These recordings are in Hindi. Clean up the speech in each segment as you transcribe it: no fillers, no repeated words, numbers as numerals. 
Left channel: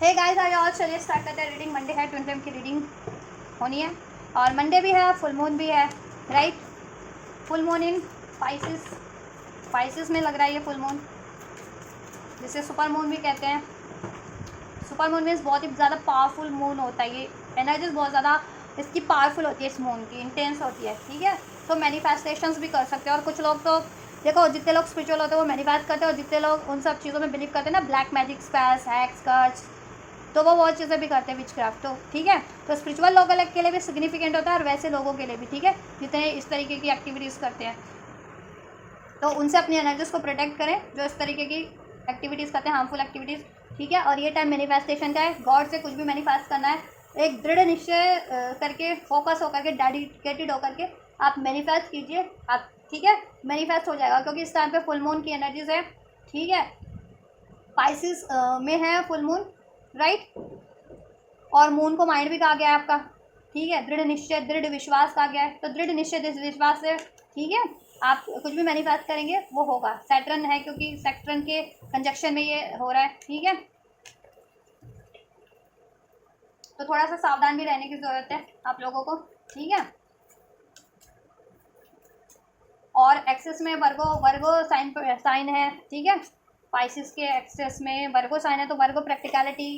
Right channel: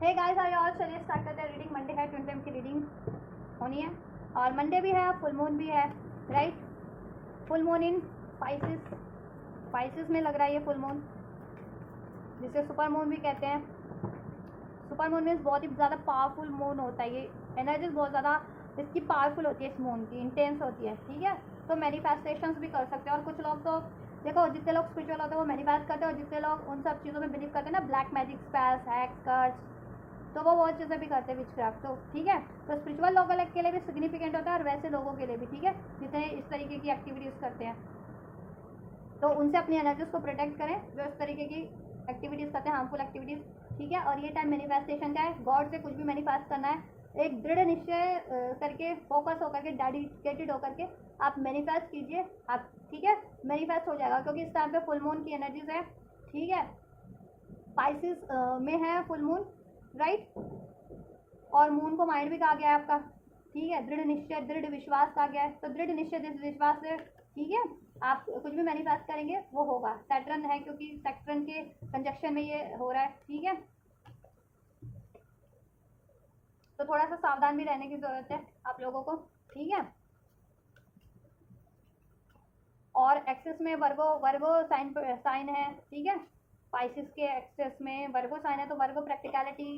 हे गाइस आज और चलिए स्टार्ट करते हैं रीडिंग। मंडे है, ट्विन फ्लेम की रीडिंग होनी है और मंडे भी है, फुल मून भी है, right. Full moon in Pisces में लग रहा है ये फुल मून, जिसे सुपर मून भी कहते हैं। सुपर मून मीन्स बहुत ही ज़्यादा पावरफुल मून होता है। ये एनर्जीज बहुत ज़्यादा इसकी पावरफुल होती है, इस मून की इंटेंस होती है, ठीक है। तो मैनिफेस्टेशंस भी कर सकते हैं। और कुछ लोग तो देखो, जितने लोग स्पिरिचुअल होते हैं वो मैनिफेस्ट करते हैं, और जितने लोग उन सब चीज़ों में बिलीव करते हैं ना, ब्लैक मैजिक, स्पेल्स, हैक्स, कर्स, तो वो बहुत चीज़ें भी करते हैं, विचक्राफ्ट। तो ठीक है, तो स्पिरिचुअल लोगों के लिए भी सिग्निफिकेंट होता है और वैसे लोगों के लिए भी, ठीक है, जितने इस तरीके की एक्टिविटीज़ करते हैं। तो उनसे अपनी एनर्जीज को प्रोटेक्ट करें जो इस तरीके की एक्टिविटीज़ करते हैं, हार्मफुल एक्टिविटीज़, ठीक है। और ये टाइम मैनिफेस्टेशन का है। गॉड से कुछ भी मैनिफेस्ट करना है, एक दृढ़ निश्चय करके, फोकस होकर के, डेडिकेटेड होकर के आप मैनिफेस्ट कीजिए, आप, ठीक है, मैनिफेस्ट हो जाएगा। क्योंकि इस टाइम पे फुल मून की एनर्जीज है, ठीक है। स्पाइसिस में है फुल मून, राइट। और मून को माइंड भी कहा गया है आपका, ठीक है। दृढ़ निश्चय, दृढ़ विश्वास कहा गया है। तो दृढ़ निश्चय, दृढ़ विश्वास से, ठीक है, आप कुछ भी मैनिफेस्ट करेंगे वो होगा। सैटर्न है, क्योंकि सैटर्न के कंजक्शन में ये हो रहा है, ठीक है। तो थोड़ा सा सावधान भी रहने की जरूरत है आप लोगों को, ठीक है। और एक्सेस में वर्गो वर्गो साइन है, ठीक है। स्पाइसिस के एक्सेस में वर्गो साइन है, तो Virgo practicality,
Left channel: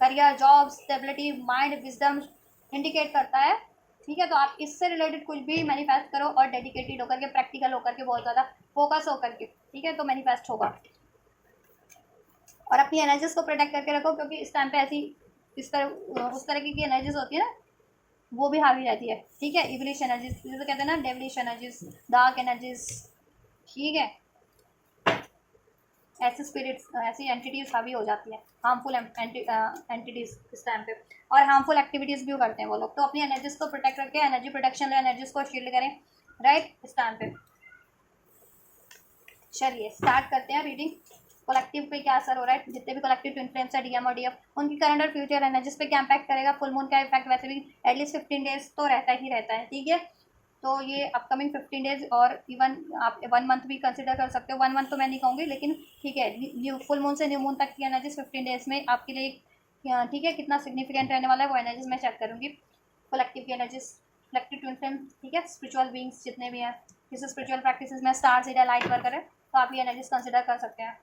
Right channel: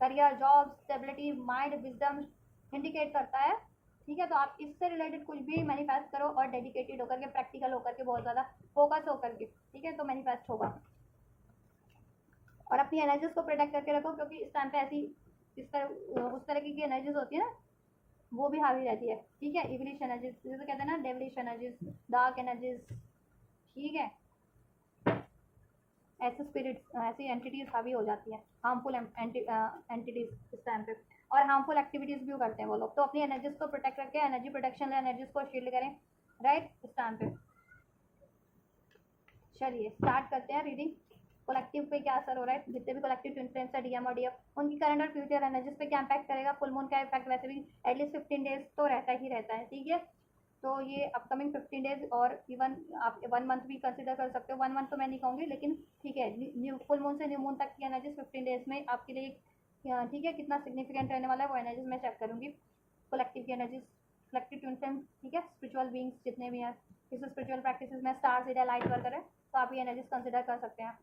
career, job, stability, mind, wisdom indicate करता है, ठीक है। तो आप इससे रिलेटेड कुछ भी मैनिफेस्ट करो और डेडिकेटेड होकर के, प्रैक्टिकल होकर के, बहुत ज़्यादा फोकस होकर के, ठीक है, तो मैनिफेस्ट होगा। और अपनी एनर्जीज को प्रोटेक्ट करके रखो, क्योंकि इस टाइम पे ऐसी इस तरह उस तरह की एनर्जीज होती है ना, वो भी हावी रहती है, ठीक है। इवलिश एनर्जीज जैसे कहते हैं ना, डेवलिश एनर्जीज, डार्क एनर्जीज, ठीक है। ऐसे स्पिरिट्स, ऐसी एंटिटीज हावी हो जाती हैं, हार्मफुल एंटिटीज इस टाइम पे। और हार्मफुल एक्टिविटीज़ भी करते हैं वो लोग। तो अपनी एनर्जीज को प्रोटेक्ट करके, एनर्जी प्रोटेक्शन, एनर्जीज को शील्ड करें, राइट, इस टाइम पे। चलिए स्टार्ट करते हैं रीडिंग। कलेक्टिव पे क्या असर हो रहा है, जितने भी कलेक्टिव ट्विन फ्लेम्स है, डीएम और डीएफ, उनकी करंट और फ्यूचर एनर्जीज पे क्या इम्पैक्ट करेगा। फुल मून का इफेक्ट वैसे भी एटलीस्ट 15 डेज तो रहता ही रहता है, ठीक है। तो ये अपकमिंग 15 डेज, और इवन आप 1 मंथ भी कंसिडर कर सकते हो। 1 मंथ तो मैं नहीं कहूँगी, लेकिन ठीक है, न्यू फुल मून से न्यू मून तक की एनर्जीज 15 डेज में आपके लिए, ठीक है, कितना सिग्निफिकेंट रहने वाला है वो एनर्जीज मैं चेक करूँगी। कलेक्टिव की एनर्जीज, कलेक्टिव ट्विन फ्लेम, ठीक है, स्पिरिचुअल बींग्स जितने भी हैं, जैसे स्पिरिचुअल प्रैक्टिस में स्टार सीधा लाइट वर्क करें, तो आप ये एनर्जीज कंसिडर कर सकते हैं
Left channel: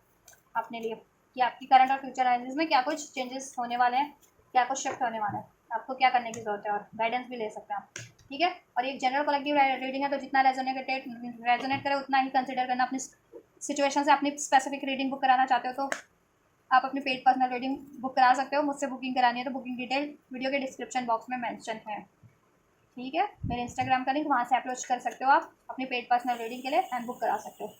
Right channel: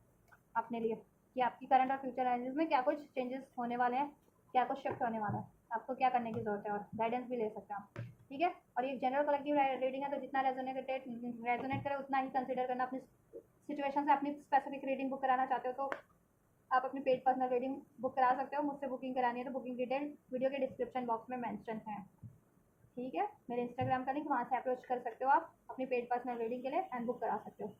अपने लिए कि आपकी करंट और फ्यूचर एनर्जीज में क्या कुछ चेंजेस होने वाले हैं, क्या कुछ शिफ्ट होने वाला है, आपको क्या करने की जरूरत है, और गाइडेंस भी ले सकते हैं आप, ठीक है। और एक जनरल कलेक्टिव रीडिंग है, तो जितना रेजोनेट करे उतना ही कंसिडर करना। अपनी सिचुएशन से अपनी स्पेसिफिक रीडिंग बुक कराना चाहते हो तो आप अपनी पेड पर्सनल रीडिंग बुक करा सकते हो। मुझसे बुकिंग करानी है तो बुकिंग डिटेल वीडियो के डिस्क्रिप्शन बॉक्स में मेंशन है, ठीक है। मेरे इंस्टाग्राम का लिंक, वहाँ से अप्रोच कर सकते हो आप अपनी पेड पर्सनल रीडिंग के लिए, एंड बुक करा सकते हो।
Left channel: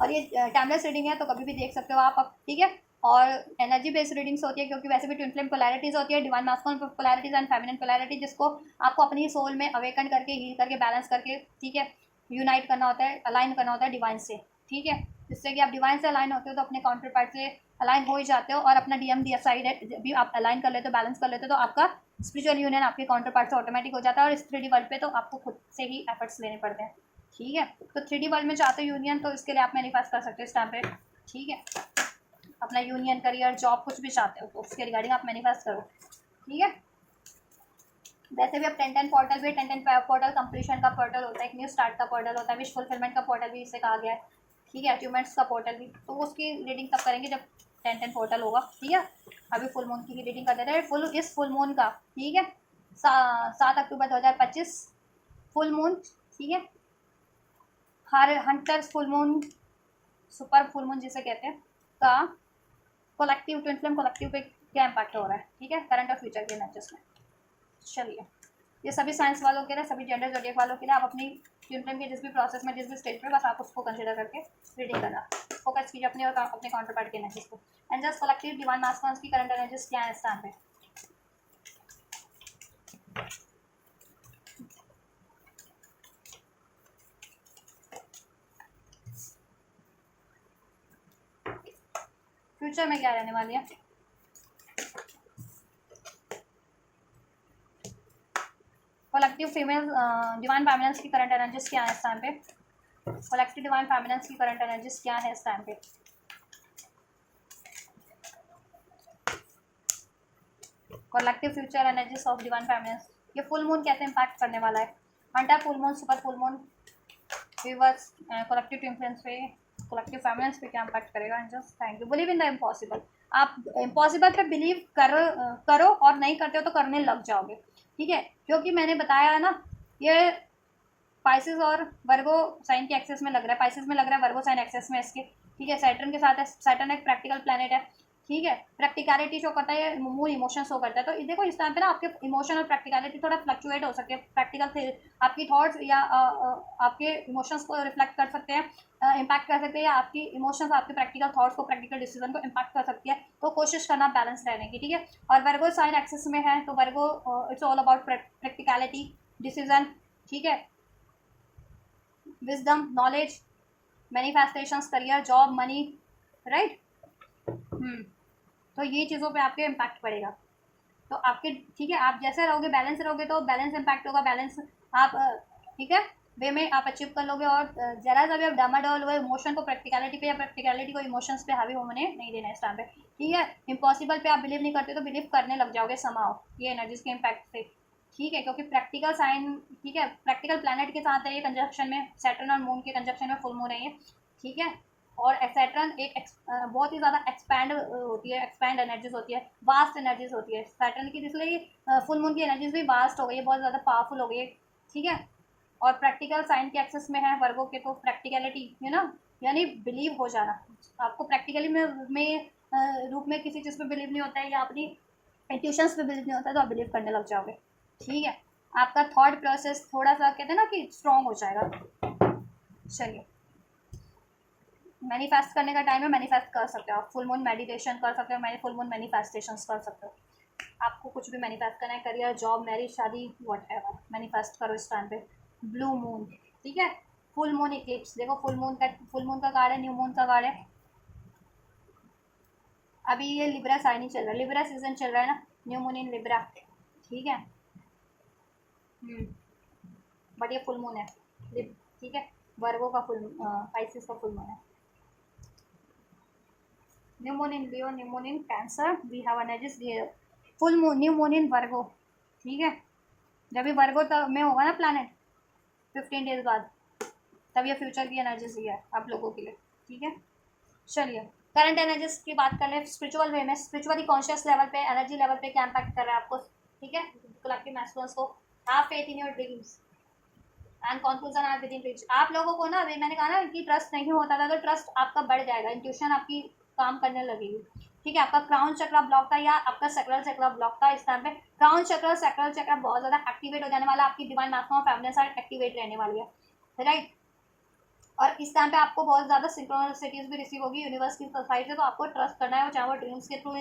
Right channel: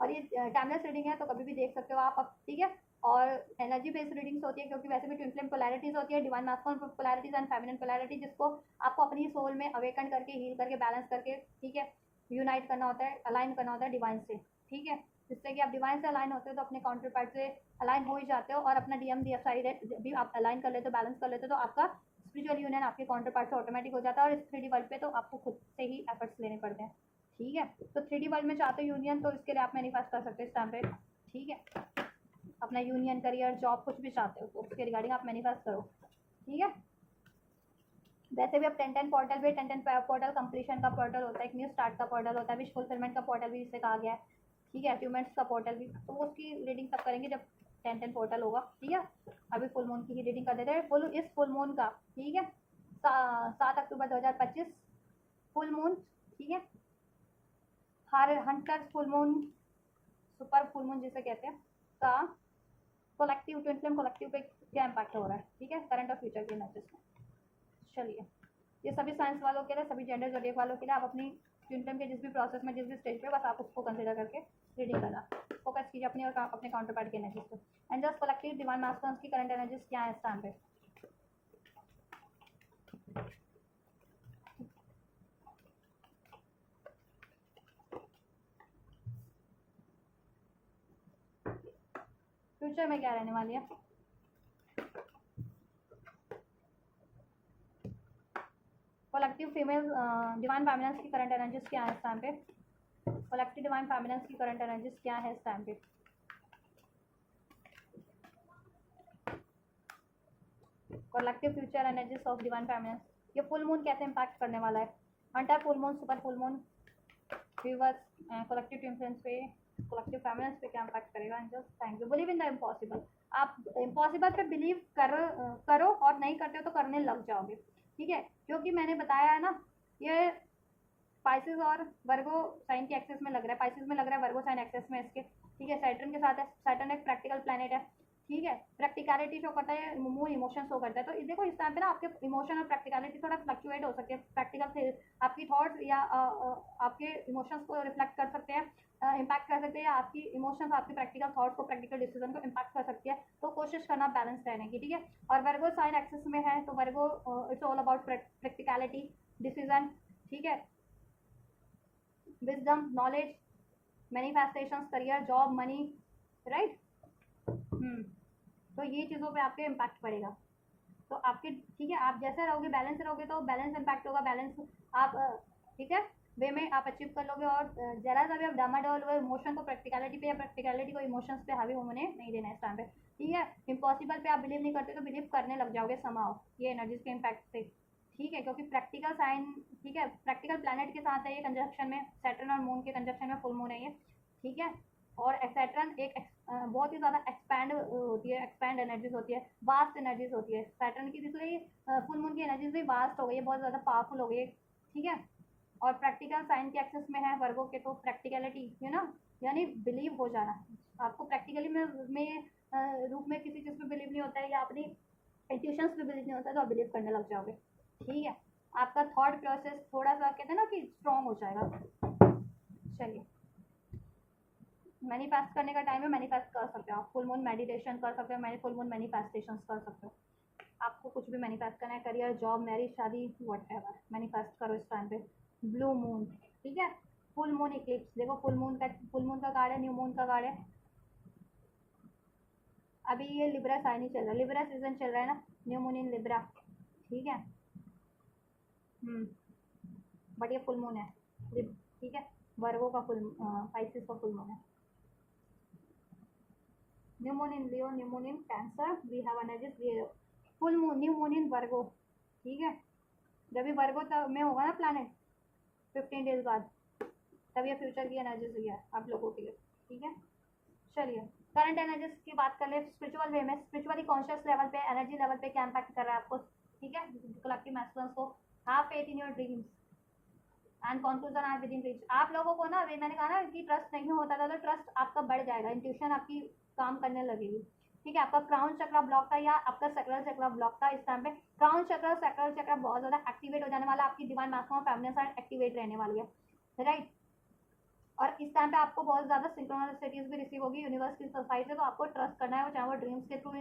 और ये टाइमलेस रीडिंग है, तो कभी भी देख सकते हो आप अब, ठीक है। और एनर्जी बेस्ड रीडिंग्स होती है, क्योंकि वैसे भी ट्विन फ्लेम पोलैरिटीज होती है, divine masculine polarities and feminine polarity, जिसको आपको अपनी सोल में अवेकन करके, हील करके, बैलेंस करके, ठीक है, यूनाइट करना होता है, अलाइन करना होता है डिवाइन से, ठीक है। जिससे कि आप डिवाइन से अलाइन होते हो तो अपने काउंटर पार्ट से अलाइन हो ही जाते हो, और अपना डीएम डी साइड भी आप अलाइन कर लेते हो, बैलेंस कर लेते हो, तो आपका स्पिरिचुअल यूनियन आपके काउंटर पार्ट से ऑटोमेटिक हो जाता है। और इस 3D वर्ल्ड पे तो आपको खुद से ही एफर्ट्स लेने पड़ते हैं, ठीक है। तो 3D वर्ल्ड में चाहते हो यूनियन, तो इसके लिए आप मैनिफेस्ट कर सकते हो इस टाइम पे, ठीक है। अपना यूनियन, करियर, जॉब कुछ भी चाहते हो तो उसके रिगार्डिंग आप मैनिफेस्ट करो, ठीक है। वैसे भी अब 10-10 पोर्टल भी, 10-10 पोर्टल कंप्लीशन का पोर्टल होता है, एक न्यू स्टार्ट का पोर्टल होता है, विश फुलफिलमेंट का पोर्टल भी इसे कहा गया है, ठीक है, अचीवमेंट्स का पोर्टल भी। तो उसकी रीडिंग तब करेंगे जब 10-10 पोर्टल होगा, ठीक है। अभी फुल मून की ही रीडिंग कर देते हैं। इस फुल मून का, ठीक है, 7 अक्टूबर 2025 फुल मून, ठीक है। हर hunters full moon, super full moon जिसे कहते हैं, का कलेक्टिव ट्विन फ्लेम कलेक्टिव पे क्या इम्पैक्ट हो रहा है, ठीक है, करंट और फ्यूचर के मैचेस में। चलिए, ये सभी साइंस वालों के लिए, सभी जेंडर जोडिएक वालों के लिए, आप अपनी ट्विन फ्लेम के जिस भी प्रोसेस में, जिस भी स्टेज पे, बस आप उसको कंसिडर करके रीडिंग करना, फोकस कीजिए अपने और अपने काउंटर पार्ट के एनर्जीज को। एंड जस्ट कलेक्टिव डिवाइन मास्कुलिन्स की करंट एनर्जीज क्या है इस टाइम पे। फ्यूचर में क्या रहने वाली है। कलेक्टिव फीमेल डिवाइन फेमिनिन्स की करंट एनर्जीज क्या है इस टाइम पे। कलेक्टिव डिवाइन फेमिनिन्स की करंट एनर्जीज क्या है इस टाइम पे। Collective future energies of divine feminines, ये फुल मून कैसे इम्पैक्ट करने वाला है, under full moon, super full moon, viewers, collective influence पे, कलेक्टिव फेमिनिन्स पे क्या इम्पैक्ट करेगा। And just thank you, believe in the impossible. आप इम्पॉसिबल पे बिलीव करो और नहीं करते हो तो करने लग जाओगे, ठीक है, क्योंकि मैंने बताया है ना, ये पाइसिस और वर्गो साइन के एक्सेस में लग रहा है, पाइसिस में लग रहा है, वर्गो साइन एक्सेस में इसके, ठीक है, सैटर्न के साथ है, सैटर्न एक प्रैक्टिकल प्लैनेट है, ठीक है, प्रैक्टिकलिटी शो करता है, मूड इमोशन शो करता है। तो देखो इस टाइम पे ना आपके इमोशन और प्रैक्टिकलिटी थोड़ा फ्लक्चुएट हो सकते हैं, प्रैक्टिकल आपकी थॉट्स या आपके इमोशंस को रिफ्लेक्ट कर सकते हैं, इम्पैक्ट कर सकते हैं, या आपकी इमोशंस आपके प्रैक्टिकल थॉट्स को, प्रैक्टिकल डिसीजन को इम्पैक्ट कर सकती है। तो कोशिश करना बैलेंस रहने की, ठीक है। और वर्गो साइन एक्सेस में है तो Virgo it's all about practicality, decision, ठीक है, wisdom, knowledge, manifestations, career, job, money, right. तो ये चीज़ों पे आपके इम्पैक्ट पड़ेगा। तो आपके, ठीक है, आप जैसे रहोगे बैलेंस रहोगे तो बैलेंस इम्पैक्ट होगा, बैलेंस आप ठीक है वे में आप अचीव कर लोगे। और जरा सा भी आप डामाडोल हुए इमोशन को प्रैक्टिकलिटी पे या प्रैक्टिकलिटी को इमोशंस पे हावी होने नहीं देना इस टाइम पे, ठीक है। इम्पॉसिबल पे आप बिलीव नहीं करते तो बिलीव करने लग जाओगे समाओ, ये एनर्जीज के इम्पैक्ट से, ठीक है, क्योंकि प्रैक्टिकल साइन, ठीक है, प्रैक्टिकल प्लैनेट के साथ है ये कंजक्शन में, सैटर्न और मून के कंजक्शन में फुल मून है ये, ठीक है। और सैटर्न एक बहुत ही ज़्यादा एक्सपैंड होती है, एक्सपैंड एनर्जीज होती है, वास्ट एनर्जीज होती है सैटर्न की, इसलिए फुल मून की एनर्जीज भी वास्ट हो गई है, बहुत ज़्यादा पावरफुल हो गई है, ठीक है। और प्रैक्टिकल साइन के एक्सेस में है वर्गों के, तो प्रैक्टिकलिटी यू नो यानी बिलीव हो जाना, आपको प्रैक्टिकली में रूप में किसी चीज़ पे बिलीव नहीं होता है, या अपनी इंट्यूशंस पे बिलीव नहीं होता है, तो आप बिलीव करने लग जाओगे, ठीक है। आपका थॉट प्रोसेस थोड़ा सा कहते हैं ना कि स्ट्रॉन्ग हो जाएगा। चलिए, मैनिफेस्ट करने का टाइम है, मैनिफेस्ट कर सकते हो आप, फुल मून मेडिटेशन कर सकते हो, फुल मून मैनिफेस्टेशंस कर सकते हो, आपको कुछ भी मैनिफेस्ट करना है, करियर, जॉब, मैरिज, शादी, वट एवर, मैनिफेस्ट करो इस टाइम पे। ब्लू मून, ठीक है, फुल मून इक्लिप्स, देखो फुल मून का कार्ड है, न्यू मून का कार्ड है। अभी ये लिब्रा साइन ही चल रहा है, लिब्रा सीजन चल रहा है ना, न्यू मून इन लिब्रा, ठीक है। बट ये फुल मून है, ठीक है, वर्गो का फुल, पाइसिस का फुल मून है। New moon in Leo, new moon in Cancer, we have energies, full moon, new moon in Virgo, ठीक है। जब भी वर्गो में होगा ना प्लैनेट 15 डेज बाद, तब ये फ्यूचर की एनर्जीज ही है आप लोगों के लिए, ठीक है। चलिए, करंट एनर्जीज की बात कर ले, स्पिरिचुअल वे में, स्पिरिचुअली कॉन्शियस लेवल पे, एनर्जी लेवल पे क्या इम्पैक्ट कर रहा है आपको, ठीक है। कलेक्टिव मैस्कुलिन्स को, have faith in your dreams and conclusion are within reach. आप लोगों को ना, अभी मैंने कहा ना कि ट्रस्ट नहीं होता था, तो ट्रस्ट आपका बढ़ जाएगा, इंट्यूशन आपकी काम करने लगेगी, ठीक है। आपका क्राउन चक्र ब्लॉक था या आपका सैक्रल चक्र ब्लॉक था, इस टाइम पे क्राउन चक्र, सैक्रल चक्र बहुत ज्यादा एक्टिवेट हो जाने वाला, आपकी डिवाइन मैक्सिमम फैमिली एक्टिवेट रहने वाली है, राइट। और इस टाइम पे आपको बहुत ज़्यादा सिंक्रोनिसिटीज भी रिसीव होगी यूनिवर्स की साइड से, तो आपको ट्रस्ट करना है, चाहे वो ड्रीम्स के थ्रू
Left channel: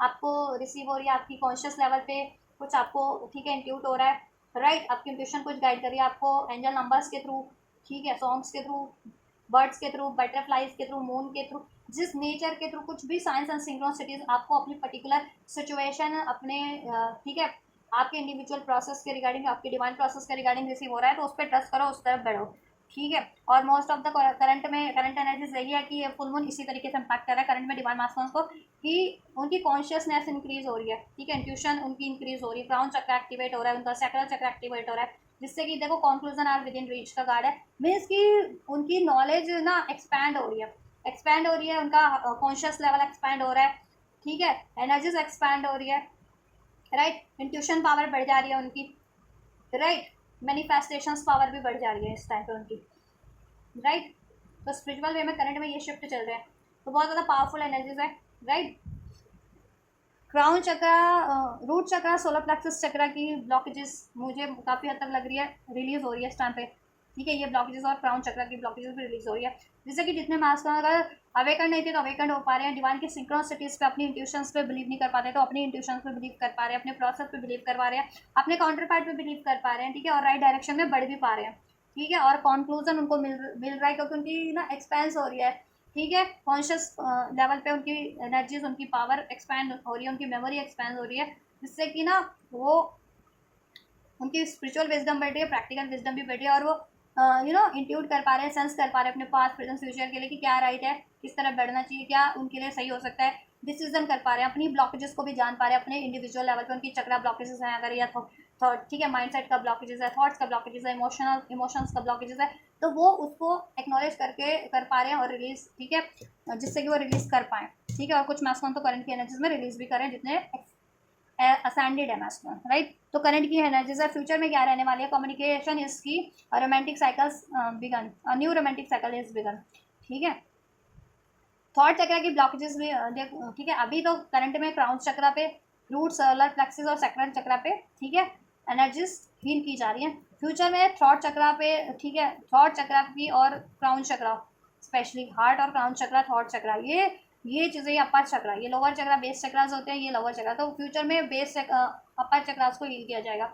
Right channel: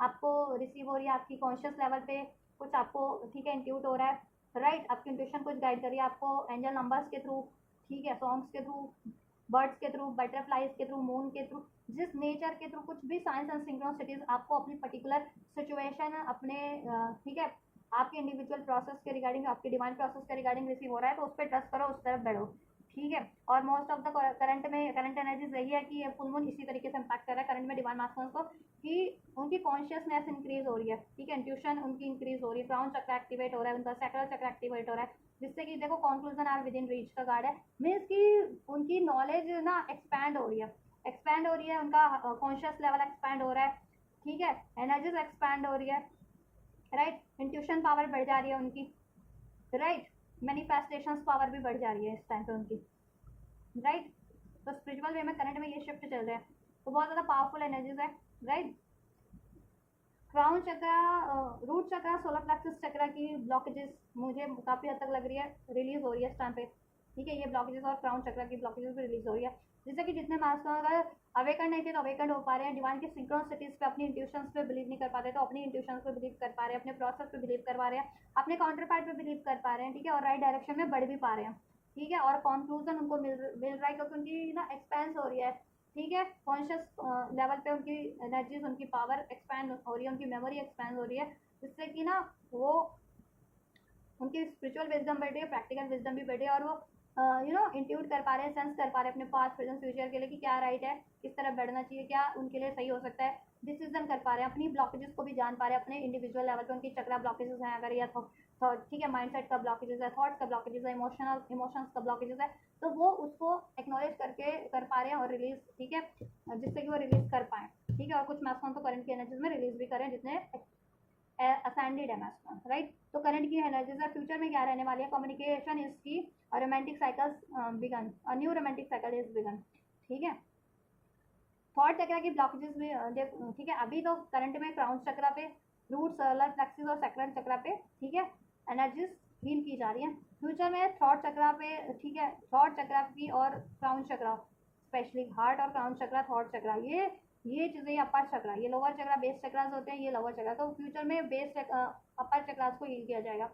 आपको रिसीव हो रही है, आपकी कॉन्शियस लेवल पे कुछ आपको, ठीक है, इंट्यूट हो रहा है, राइट। आपकी इंट्यूशन कुछ गाइड कर रही है आपको, एंजल नंबर्स के थ्रू, ठीक है, सॉन्ग्स के थ्रू, बर्ड्स के थ्रू, बटरफ्लाइज के थ्रू, मून के थ्रू, जिस नेचर के थ्रू, कुछ भी साइंस एंड सिंक्रोनिसिटीज आपको अपनी पर्टिकुलर सिचुएशन, अपने ठीक है, आपके इंडिविजुअल प्रोसेस के रिगार्डिंग, आपके डिवाइन प्रोसेस के रिगार्डिंग रिसीव हो रहा है, तो उस पर ट्रस्ट करो, उस तरफ बढ़ो, ठीक है। और most of the current energies यही है कि ये फुल मून इसी तरीके से इम्पैक्ट कर रहा है करंट में डिवाइन मास्टर्स को, कि उनकी कॉन्शियसनेस इंक्रीज हो रही है, ठीक है, इंट्यूशन उनकी इंक्रीज हो रही है, क्राउन चक्र एक्टिवेट हो रहा है, उनका सैक्रल चक्र एक्टिवेट हो रहा है, जिससे कि देखो conclusion are within reach का कार्ड है, मीन्स कि उनकी नॉलेज ना एक्सपैंड हो रही है, एक्सपैंड हो रही है, उनका कॉन्शियस लेवल एक्सपैंड हो रहा है, ठीक है, एनर्जीज एक्सपैंड हो रही है, राइट, इंट्यूशन पावर बढ़ जा रही है उनकी, राइट, मैनिफेस्टेशंस पावर भी बढ़ जा रही है इस टाइम पे उनकी, राइट। तो स्पिरिचुअल वे में करंट में ये शिफ्ट चल रहे हैं, तो बहुत ज़्यादा पावरफुल एनर्जीज है, राइट। क्राउन चक्र, रूट चक्र, सोलर प्लेक्सस चक्र की ब्लॉकेजेस मुझे काफ़ी हद तक लग रही है रिलीज हो रही है इस टाइम पे, ठीक है, ये ब्लॉकेजेस और क्राउन चक्र की ब्लॉकेजेस भी रिलीज हो रही है, जिससे कि जितने मास्क अगर अवेकन नहीं थे तो अवेकन हो पा रहे हैं, डिवाइन की सिंक्रोनिसिटीज पे, अपनी इंट्यूशंस पे बिलीव नहीं कर पाते तो अपनी इंट्यूशंस पे बिलीव कर पा रहे हैं, अपने प्रोसेस पे बिलीव कर पा रहे हैं, अपने काउंटर पार्ट पे बिलीव कर पा रहे हैं, ठीक है, और राइट डायरेक्शन में बढ़ भी पा रहे हैं, ठीक है। और कंक्लूजन उनको मिल रहा है क्योंकि उनकी ना एक्सपेंस हो रही है, ठीक है, कॉन्शियस लेवल पे उनकी एनर्जीज, उनकी पावर एक्सपैंड हो रही है, उनकी मेमोरी एक्सपैंड हो रही है, जिससे कि ना वो उनकी स्पिरिचुअल विजडम बढ़ रही है, प्रैक्टिकल विजडम भी बढ़ रही है, और वो इंट्यूट कर पा रहे हैं, सेंस कर पा रहे हैं अपने पास्ट प्रेजेंट फ्यूचर के लिए कि क्या राइट है, किस तरह बढ़ना चाहिए, क्या उनके लिए सही हो सकता है, डिसीजन कर पा रहे हैं, अपनी ब्लॉकेजेस को भी जान पा रहे हैं, अपने इंडिविजुअल लेवल पे उनकी चक्रा ब्लॉकेजेस हैं अगर, या थॉट, ठीक है, माइंडसेट का ब्लॉकेजेस है, थॉट्स का ब्लॉकेजेस है, इमोशंस का ब्लॉकेजेस है, तो वो उसको एक्नॉलेज करके कर पा रहे हैं और रिलीज, ठीक है, जिससे कि वो रिलीज कर पाए, ठीक है। और कुछ मैस्कुलिन तो करंट की एनर्जीज में रिलीज भी करें जितने असेंडेड है मैस्कुलिन, राइट। तो करंट की एनर्जीज है, फ्यूचर में क्या रहने वाली है, communication is key, romantic cycles begin, new romantic cycle is begin, ठीक है। थॉट चक्र की ब्लॉकेजेस भी ठीक है, अभी तो करंट में क्राउन चक्रा पे, रूट, सोलर प्लेक्सिस और सैक्रल चक्रा पे, ठीक है, एनर्जीज हील की जा रही है। फ्यूचर में थॉट चक्रा पे, ठीक है, थॉट चक्रा की और क्राउन चक्रा, स्पेशली हार्ट और क्राउन चक्रा, थॉट चक्रा, ये चीज़ें, अपर चक्रा, ये लोअर चक्रा, बेस चक्रास होते हैं, ये लोअर चक्रा, तो फ्यूचर में बेस अपर चक्रास को हील किया जाएगा,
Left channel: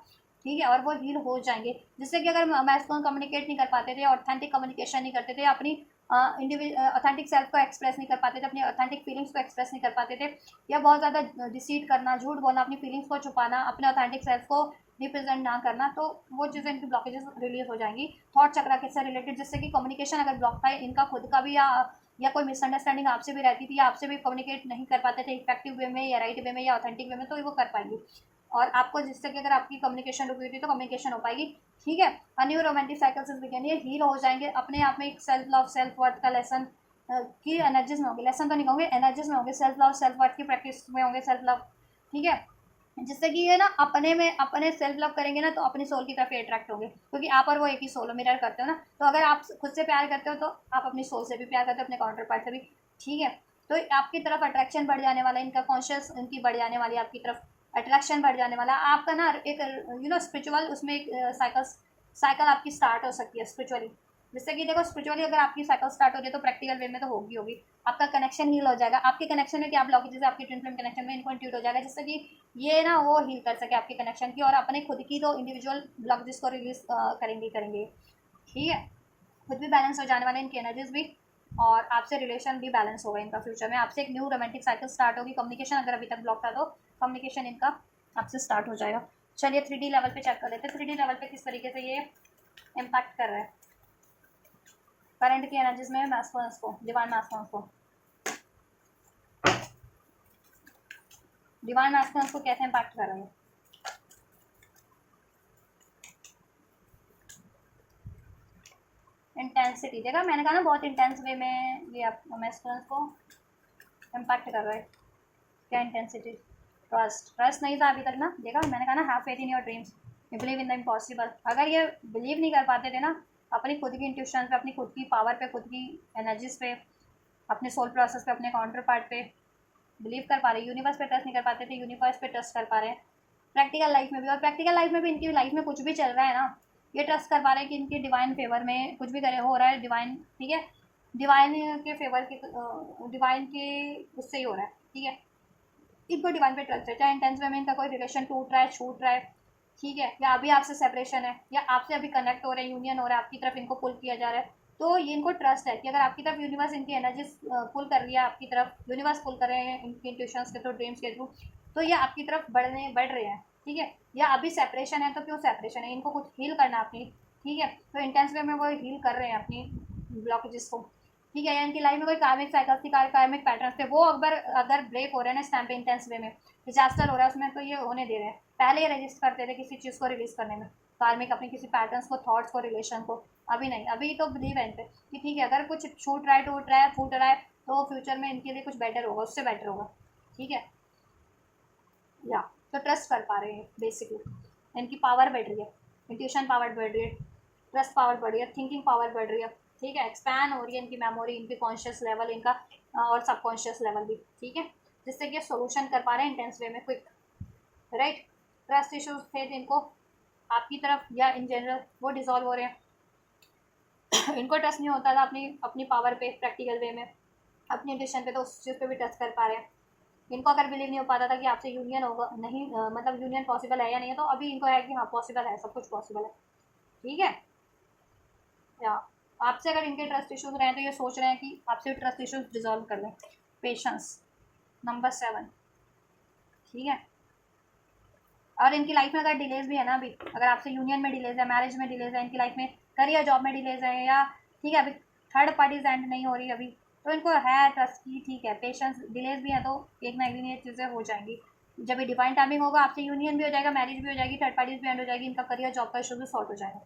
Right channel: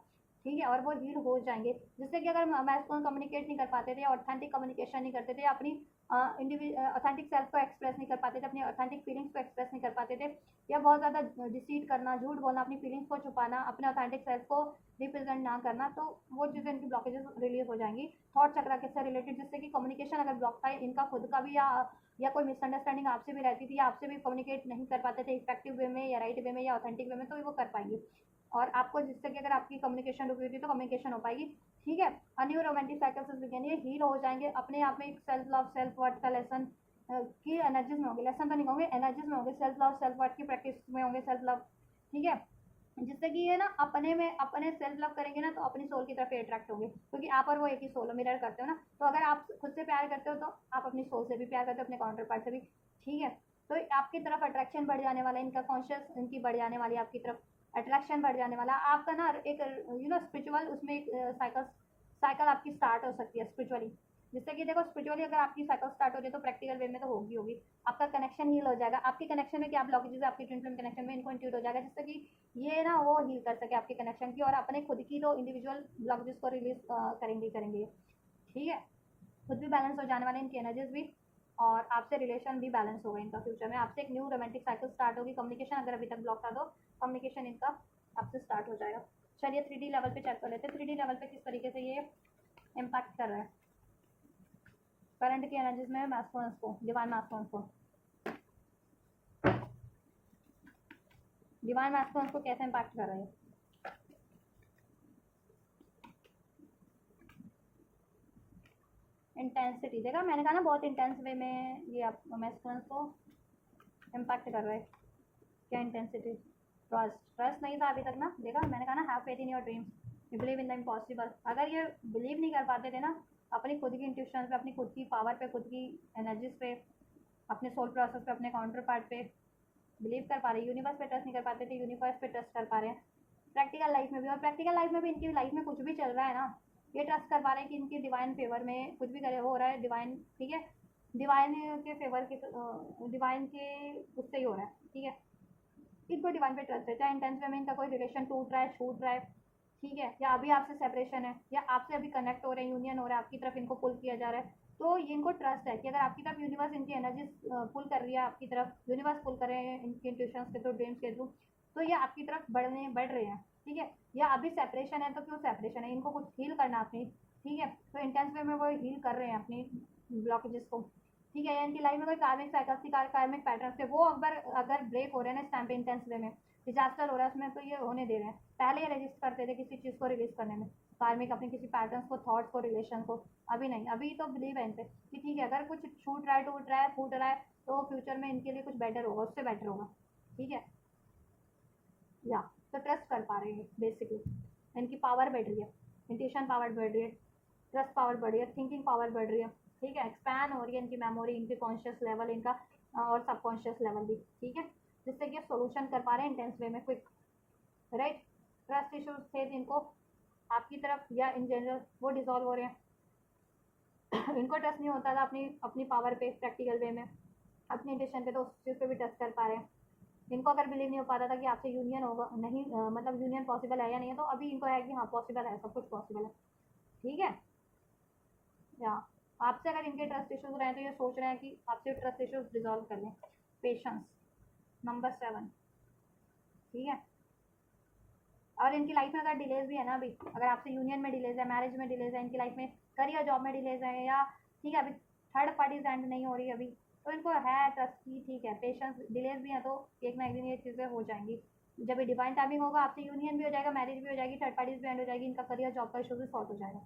ठीक है, और वो हील हो जाएंगे, जिससे कि अगर मैस्कुलिन कम्युनिकेट नहीं कर पाते थे, ऑथेंटिक कम्युनिकेशन नहीं करते थे, अपनी ऑथेंटिक सेल्फ को एक्सप्रेस नहीं कर पाते थे, अपनी ऑथेंटिक फीलिंग्स को एक्सप्रेस नहीं कर पाते थे, या बहुत ज़्यादा डिसीट करना, झूठ बोलना, अपनी फीलिंग्स को छुपाना, अपने ऑथेंटिक सेल्फ को रिप्रेजेंट ना करना, तो वो चीज़ें इनकी ब्लॉकेजेस रिलीज हो जाएंगी थॉट चक्रा के साथ रिलेटेड, जिससे कि कम्युनिकेशन अगर ब्लॉक था इनका खुद का भी, या कोई मिसअंडरस्टैंडिंग आपसे भी रहती थी, या आपसे भी कम्युनिकेट नहीं कर पाते थे इफेक्टिव वे में, या राइट वे में, या ऑथेंटिक वे में, तो वो कर पाएंगे। और आपको जिससे कि अगर आपकी कम्युनिकेशन रुकी हुई थी तो कम्युनिकेशन हो पाएगी, ठीक है। न्यू रोमांटिक साइकिल्स बिगिन, ये हील हो जाएंगे, अपने आप में एक सेल्फ लव, सेल्फ वर्थ का लेसन की एनर्जीज में होंगे, लेसन तो नहीं कहूँगे, एनर्जीज में होंगे, सेल्फ लव, सेल्फ वर्थ की प्रैक्टिस में होंगे, सेल्फ लव, ठीक है, जिससे कि ये ना अपने में, अपने सेल्फ लव करेंगे ना तो अपनी सोल की तरफ अट्रैक्ट होंगे, क्योंकि आप और वो एक ही सोल मिरर करते हो ना, तो अगर आप खुद से प्यार करते हो तो आप अपनी सोल से भी प्यार करते हो, अपने काउंटर पार्ट से भी, ठीक है। तो आपकी तरफ अट्रैक्शन बढ़ जाने वाला है, इनका कॉन्शियस इनकी बढ़ जाने वाली है, आपकी तरफ अट्रैक्शन बढ़ जाने वाला है आपका ना, एक स्पिरिचुअल उसमें एक साइकिल आपकी स्टार्ट हो सकती है स्पिरिचुअली, जिससे कि देखो स्पिरिचुअली अगर आपकी साइकिल स्टार्ट हो रही है तो प्रैक्टिकल वे में तो होगी, आपका कनेक्शन हील हो जाएगा, आपके कनेक्शन में क्या ब्लॉकेजेस है आपकी ट्विन फ्लेम कनेक्शन में, इनको इंट्यूट हो जाएगा, जिससे कि ये ना वो हील कर सके आपके कनेक्शन की, और अपने खुद की तो इंडिविजुअल ब्लॉकेजेस को रिलीज करेंगे, ठीक है। खुद भी बैलेंस हो जाने वाले इनकी एनर्जीज भी, और आपसे रिलेशन भी बैलेंस होगा इनका, फ्यूचर में आपसे एक न्यू रोमांटिक साइकिल स्टार्ट होगी, कम्युनिकेशन अगर अभी तक ब्लॉक था तो कम्युनिकेशन इनका आपसे स्टार्ट हो जाएगा। चलिए 3D लेवल पे चेक कर लेते हैं, 3D लेवल पे किस तरीके से ये इम्पैक्ट कर रहा है करंट की एनर्जीज में मैस्कुलिन को, डिवाइन मैस्कुलिन को, डिवाइन मैस्कुलिन को कैसे इम्पैक्ट कर रहा है। इंटेंसिटी देखा, मैंने कहा ना बहुत इंटेंस वे में ये आप मैस्कुलिन को इम्पैक्ट कर रहा है। क्या इंटेंसिटी, ट्रस्ट नहीं था अभी तक ना, देखा मैंने कहा ना, have faith in your dreams, you believe in the impossible. अगर ये बिलीव नहीं कर पाते थे ना अपनी खुद की इंट्यूशन पे, अपनी खुद की पावर पे, खुद की एनर्जीज पे, अपने सोल प्रोसेस पे, अपने काउंटर पार्ट पे बिलीव कर पा रहे, यूनिवर्स पे ट्रस्ट नहीं कर पाते थे, यूनिवर्स पे ट्रस्ट कर पा रहे हैं प्रैक्टिकल लाइफ में भी, और प्रैक्टिकल लाइफ में भी इनकी लाइफ में कुछ भी चल रहा है ना, ये ट्रस्ट कर पा रहे हैं कि इनके डिवाइन फेवर में कुछ भी करे हो रहा है, डिवाइन, ठीक है, डिवाइन के फेवर के, डिवाइन के उससे ही हो रहा है, ठीक है। इनको डिवाइन पे ट्रस्ट है, चाहे इंटेंस वे में इनका कोई रिलेशन टूट रहा है, छूट रहा है, ठीक है, या अभी आपसे सेपरेशन है, या आपसे अभी कनेक्ट हो रहे हैं, यूनियन हो रहा है, आपकी तरफ इनको पुल किया जा रहा है, तो ये इनको ट्रस्ट है कि अगर आपकी तरफ यूनिवर्स इनकी एनर्जी पुल कर रही है, आपकी तरफ यूनिवर्स पुल कर रहे हैं इनकी इंट्यूशंस के थ्रू, ड्रीम्स के थ्रू, तो ये आपकी तरफ बढ़ रहे हैं, ठीक है। या अभी सेपरेशन है तो क्यों सेपरेशन है, इनको कुछ हील करना अपनी, ठीक है, तो इंटेंस वे में वो हील कर रहे हैं अपनी ब्लॉकेजेस को, ठीक है। या इनकी लाइफ में कोई कार्मिक साइकिल्स थी, कार्मिक पैटर्न थे, वो अगर ब्रेक हो रहे हैं ना इस टाइम पे इंटेंस वे में, डिजास्टर हो रहा है उसमें, तो ये होने दे रहे हैं। पहले ये रजिस्ट करते थे किसी चीज़ को रिलीज करने में, कार्मिक अपनी किसी पैटर्न्स को, थॉट्स को, रिलेशन को, अभी नहीं, अभी तो बिलीव है इन पे कि ठीक है, अगर कुछ छूट रहा है, टूट रहा है, फूट रहा है, तो फ्यूचर में इनके लिए कुछ बेटर होगा, उससे बेटर होगा, ठीक है। या तो ट्रस्ट कर पा रहे हैं बेसिकली, इनकी पावर बढ़ रही है, इंट्यूशन पावर बढ़ रही है, ट्रस्ट पावर बढ़ रही है, थिंकिंग पावर बढ़ रही है, ठीक है, एक्सपैंड हो रही है इनकी मेमोरी, इनकी कॉन्शियस लेवल इनका, और सबकॉन्शियस लेवल भी, ठीक है, जिससे कि सोल्यूशन कर पा रहे हैं इंटेंस वे में क्विक, राइट। ट्रस्ट इश्यूज थे जिनको आपकी तरफ या इन जनरल, वो डिजॉल्व हो रहे हैं। इनको ट्रस्ट नहीं होता था अपनी अपनी पावर पे, प्रैक्टिकल वे में, अपनी इंट्यूशन पे, तो उस चीज़ पे भी ट्रस्ट कर पा रहे हैं। इनको अगर बिलीव नहीं हो पाता था कि आपसे यूनियन होगा, नहीं मतलब यूनियन पॉसिबल है या नहीं है, तो अभी इनको है कि हाँ पॉसिबल है, सब कुछ पॉसिबल है, ठीक है। या आपसे अगर इनके ट्रस्ट इश्यूज रहे तो ये सोच रहे हैं कि आपसे ट्रस्ट इश्यूज डिजॉल्व कर लें। पेशेंस नंबर 7, ठीक है। और इनकी लाइफ में अगर डिलेज भी है ना, अभी अगर आपसे यूनियन में डिलेज है, मैरिज में डिलेज है, इनकी लाइफ में करियर जॉब में डिलेज है, या ठीक है अभी थर्ड पार्टीज एंड नहीं हो रही अभी, तो इनको है ट्रस्ट की, ठीक है, पेशेंस, डिलेज भी है तो एक ना एक दिन ये चीज़ें हो जाएंगी। जब ये डिवाइन टाइमिंग होगा आपकी यूनियन भी हो जाएगा, मैरिज भी हो जाएगी, थर्ड पार्टीज भी एंड हो जाएगी, इनका करियर जॉब का इशू भी सॉर्ट हो जाएगा।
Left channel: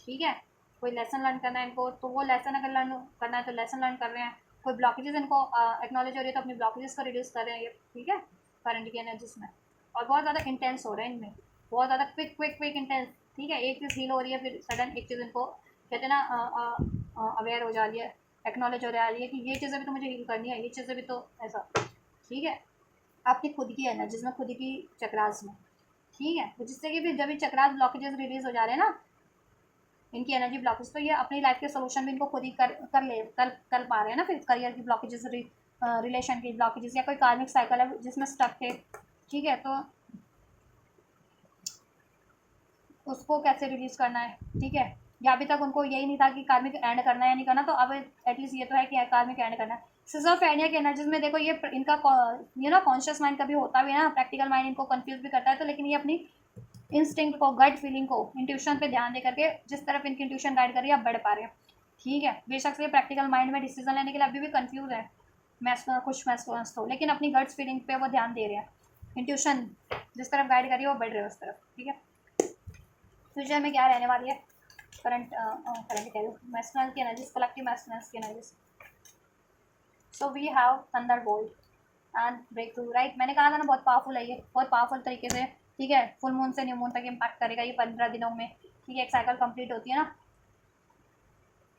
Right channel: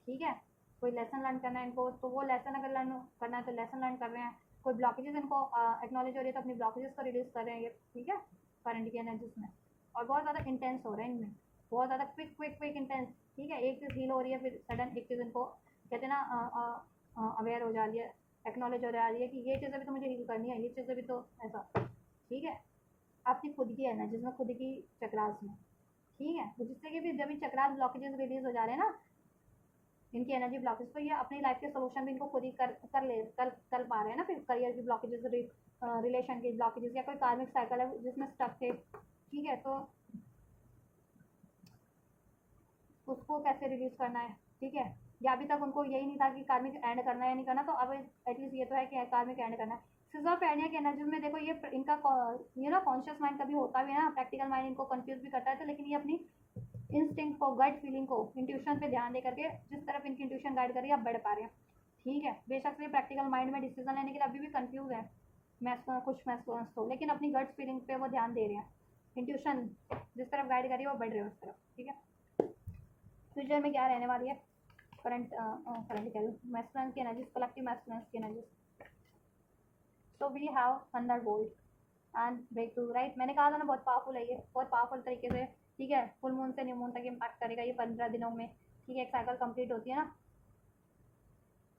ठीक है, कोई लेसन लर्न करना है इनको तो वो लेसन अगर लर्न करना है तो लेसन लर्न कर रहे हैं। कोई ब्लॉकेजेस इनको एक्नॉलेज हो रही है तो अपनी ब्लॉकेजेस को रिड्यूस कर रहे हैं ये। ठीक है, करंट की एनर्जीज में, और बहुत ज़्यादा इंटेंस हो रहे हैं इनमें, बहुत ज़्यादा क्विक क्विक क्विक इंटेंस। ठीक है, एक चीज़ हील हो रही है फिर सडन एक चीज़ इनको कहते हैं ना अवेयर हो जा रही है, एक्नॉलेज हो रही है कि ये चीज़ें भी तो मुझे हील करनी है, ये चीज़ें भी तो ऐसा। ठीक है, आपकी खुद की एनर्जीज में, खुद की चक्रास में। ठीक है, तो जिससे कि भी जब भी चक्रास ब्लॉकेजेस रिलीज हो जा रहे हैं ना, इनकी एनर्जी ब्लॉकेज, तो ये अपनी लाइफ के सोल्यूशन भी इनको खुद ही कर पा रहे हैं ना। फिर करियर की ब्लॉकेजेस, रिलेशन की ब्लॉकेजेस, या कोई कार्मिक साइकिल है जिसमें स्टक थे, ठीक है, तो उसको कैसे रिलीज करना है। ठीक है, या अभी तक उनको यही नहीं था कि कार्मिक एंड करना है या नहीं करना, तो अब एटलीस्ट ये तो है कि कार्मिक एंड करना है। सिजोफ्रेनिया की एनर्जीज में देखो ये इनका कॉन्शियस माइंड कभी होता भी है ना, प्रैक्टिकल माइंड इनको कंफ्यूज भी करता है, तो लेकिन ये अपनी इंस्टिंक्ट को, गट फीलिंग को, इंट्यूशन पे ध्यान दे करके जिस तरफ इनकी इंट्यूशन गाइड कर रही है आप बढ़ पा रहे हैं। ठीक है, बेशक से प्रैक्टिकल माइंड में डिसीजन लेने के लिए अभी भी कंफ्यूज है, खुश महसूस हो, लेकिन अपनी गट्स फीलिंग पे वो ध्यान दे रहे हैं, इंट्यूशन जिस तरफ गाइड कर रही है वो बढ़ रहे हैं उस तरफ। ठीक है, फ्यूचर में क्या रहने वाली है, करंट करंट कह रही हूँ, मैस्कुलिन की एनर्जीज, कलेक्टिव मैस्कुलिन की energies. So we have thunderbolt and breakthrough, right. मैंने कहा था ना बहुत पावरफुल है ये, बहुत पावरफुल तरीके से। ठीक है, फुल मून से न्यू मून तक इम्पैक्ट करेगा ये 15 दिनों में। ठीक है, एक साइकिल कंप्लीट होती है ना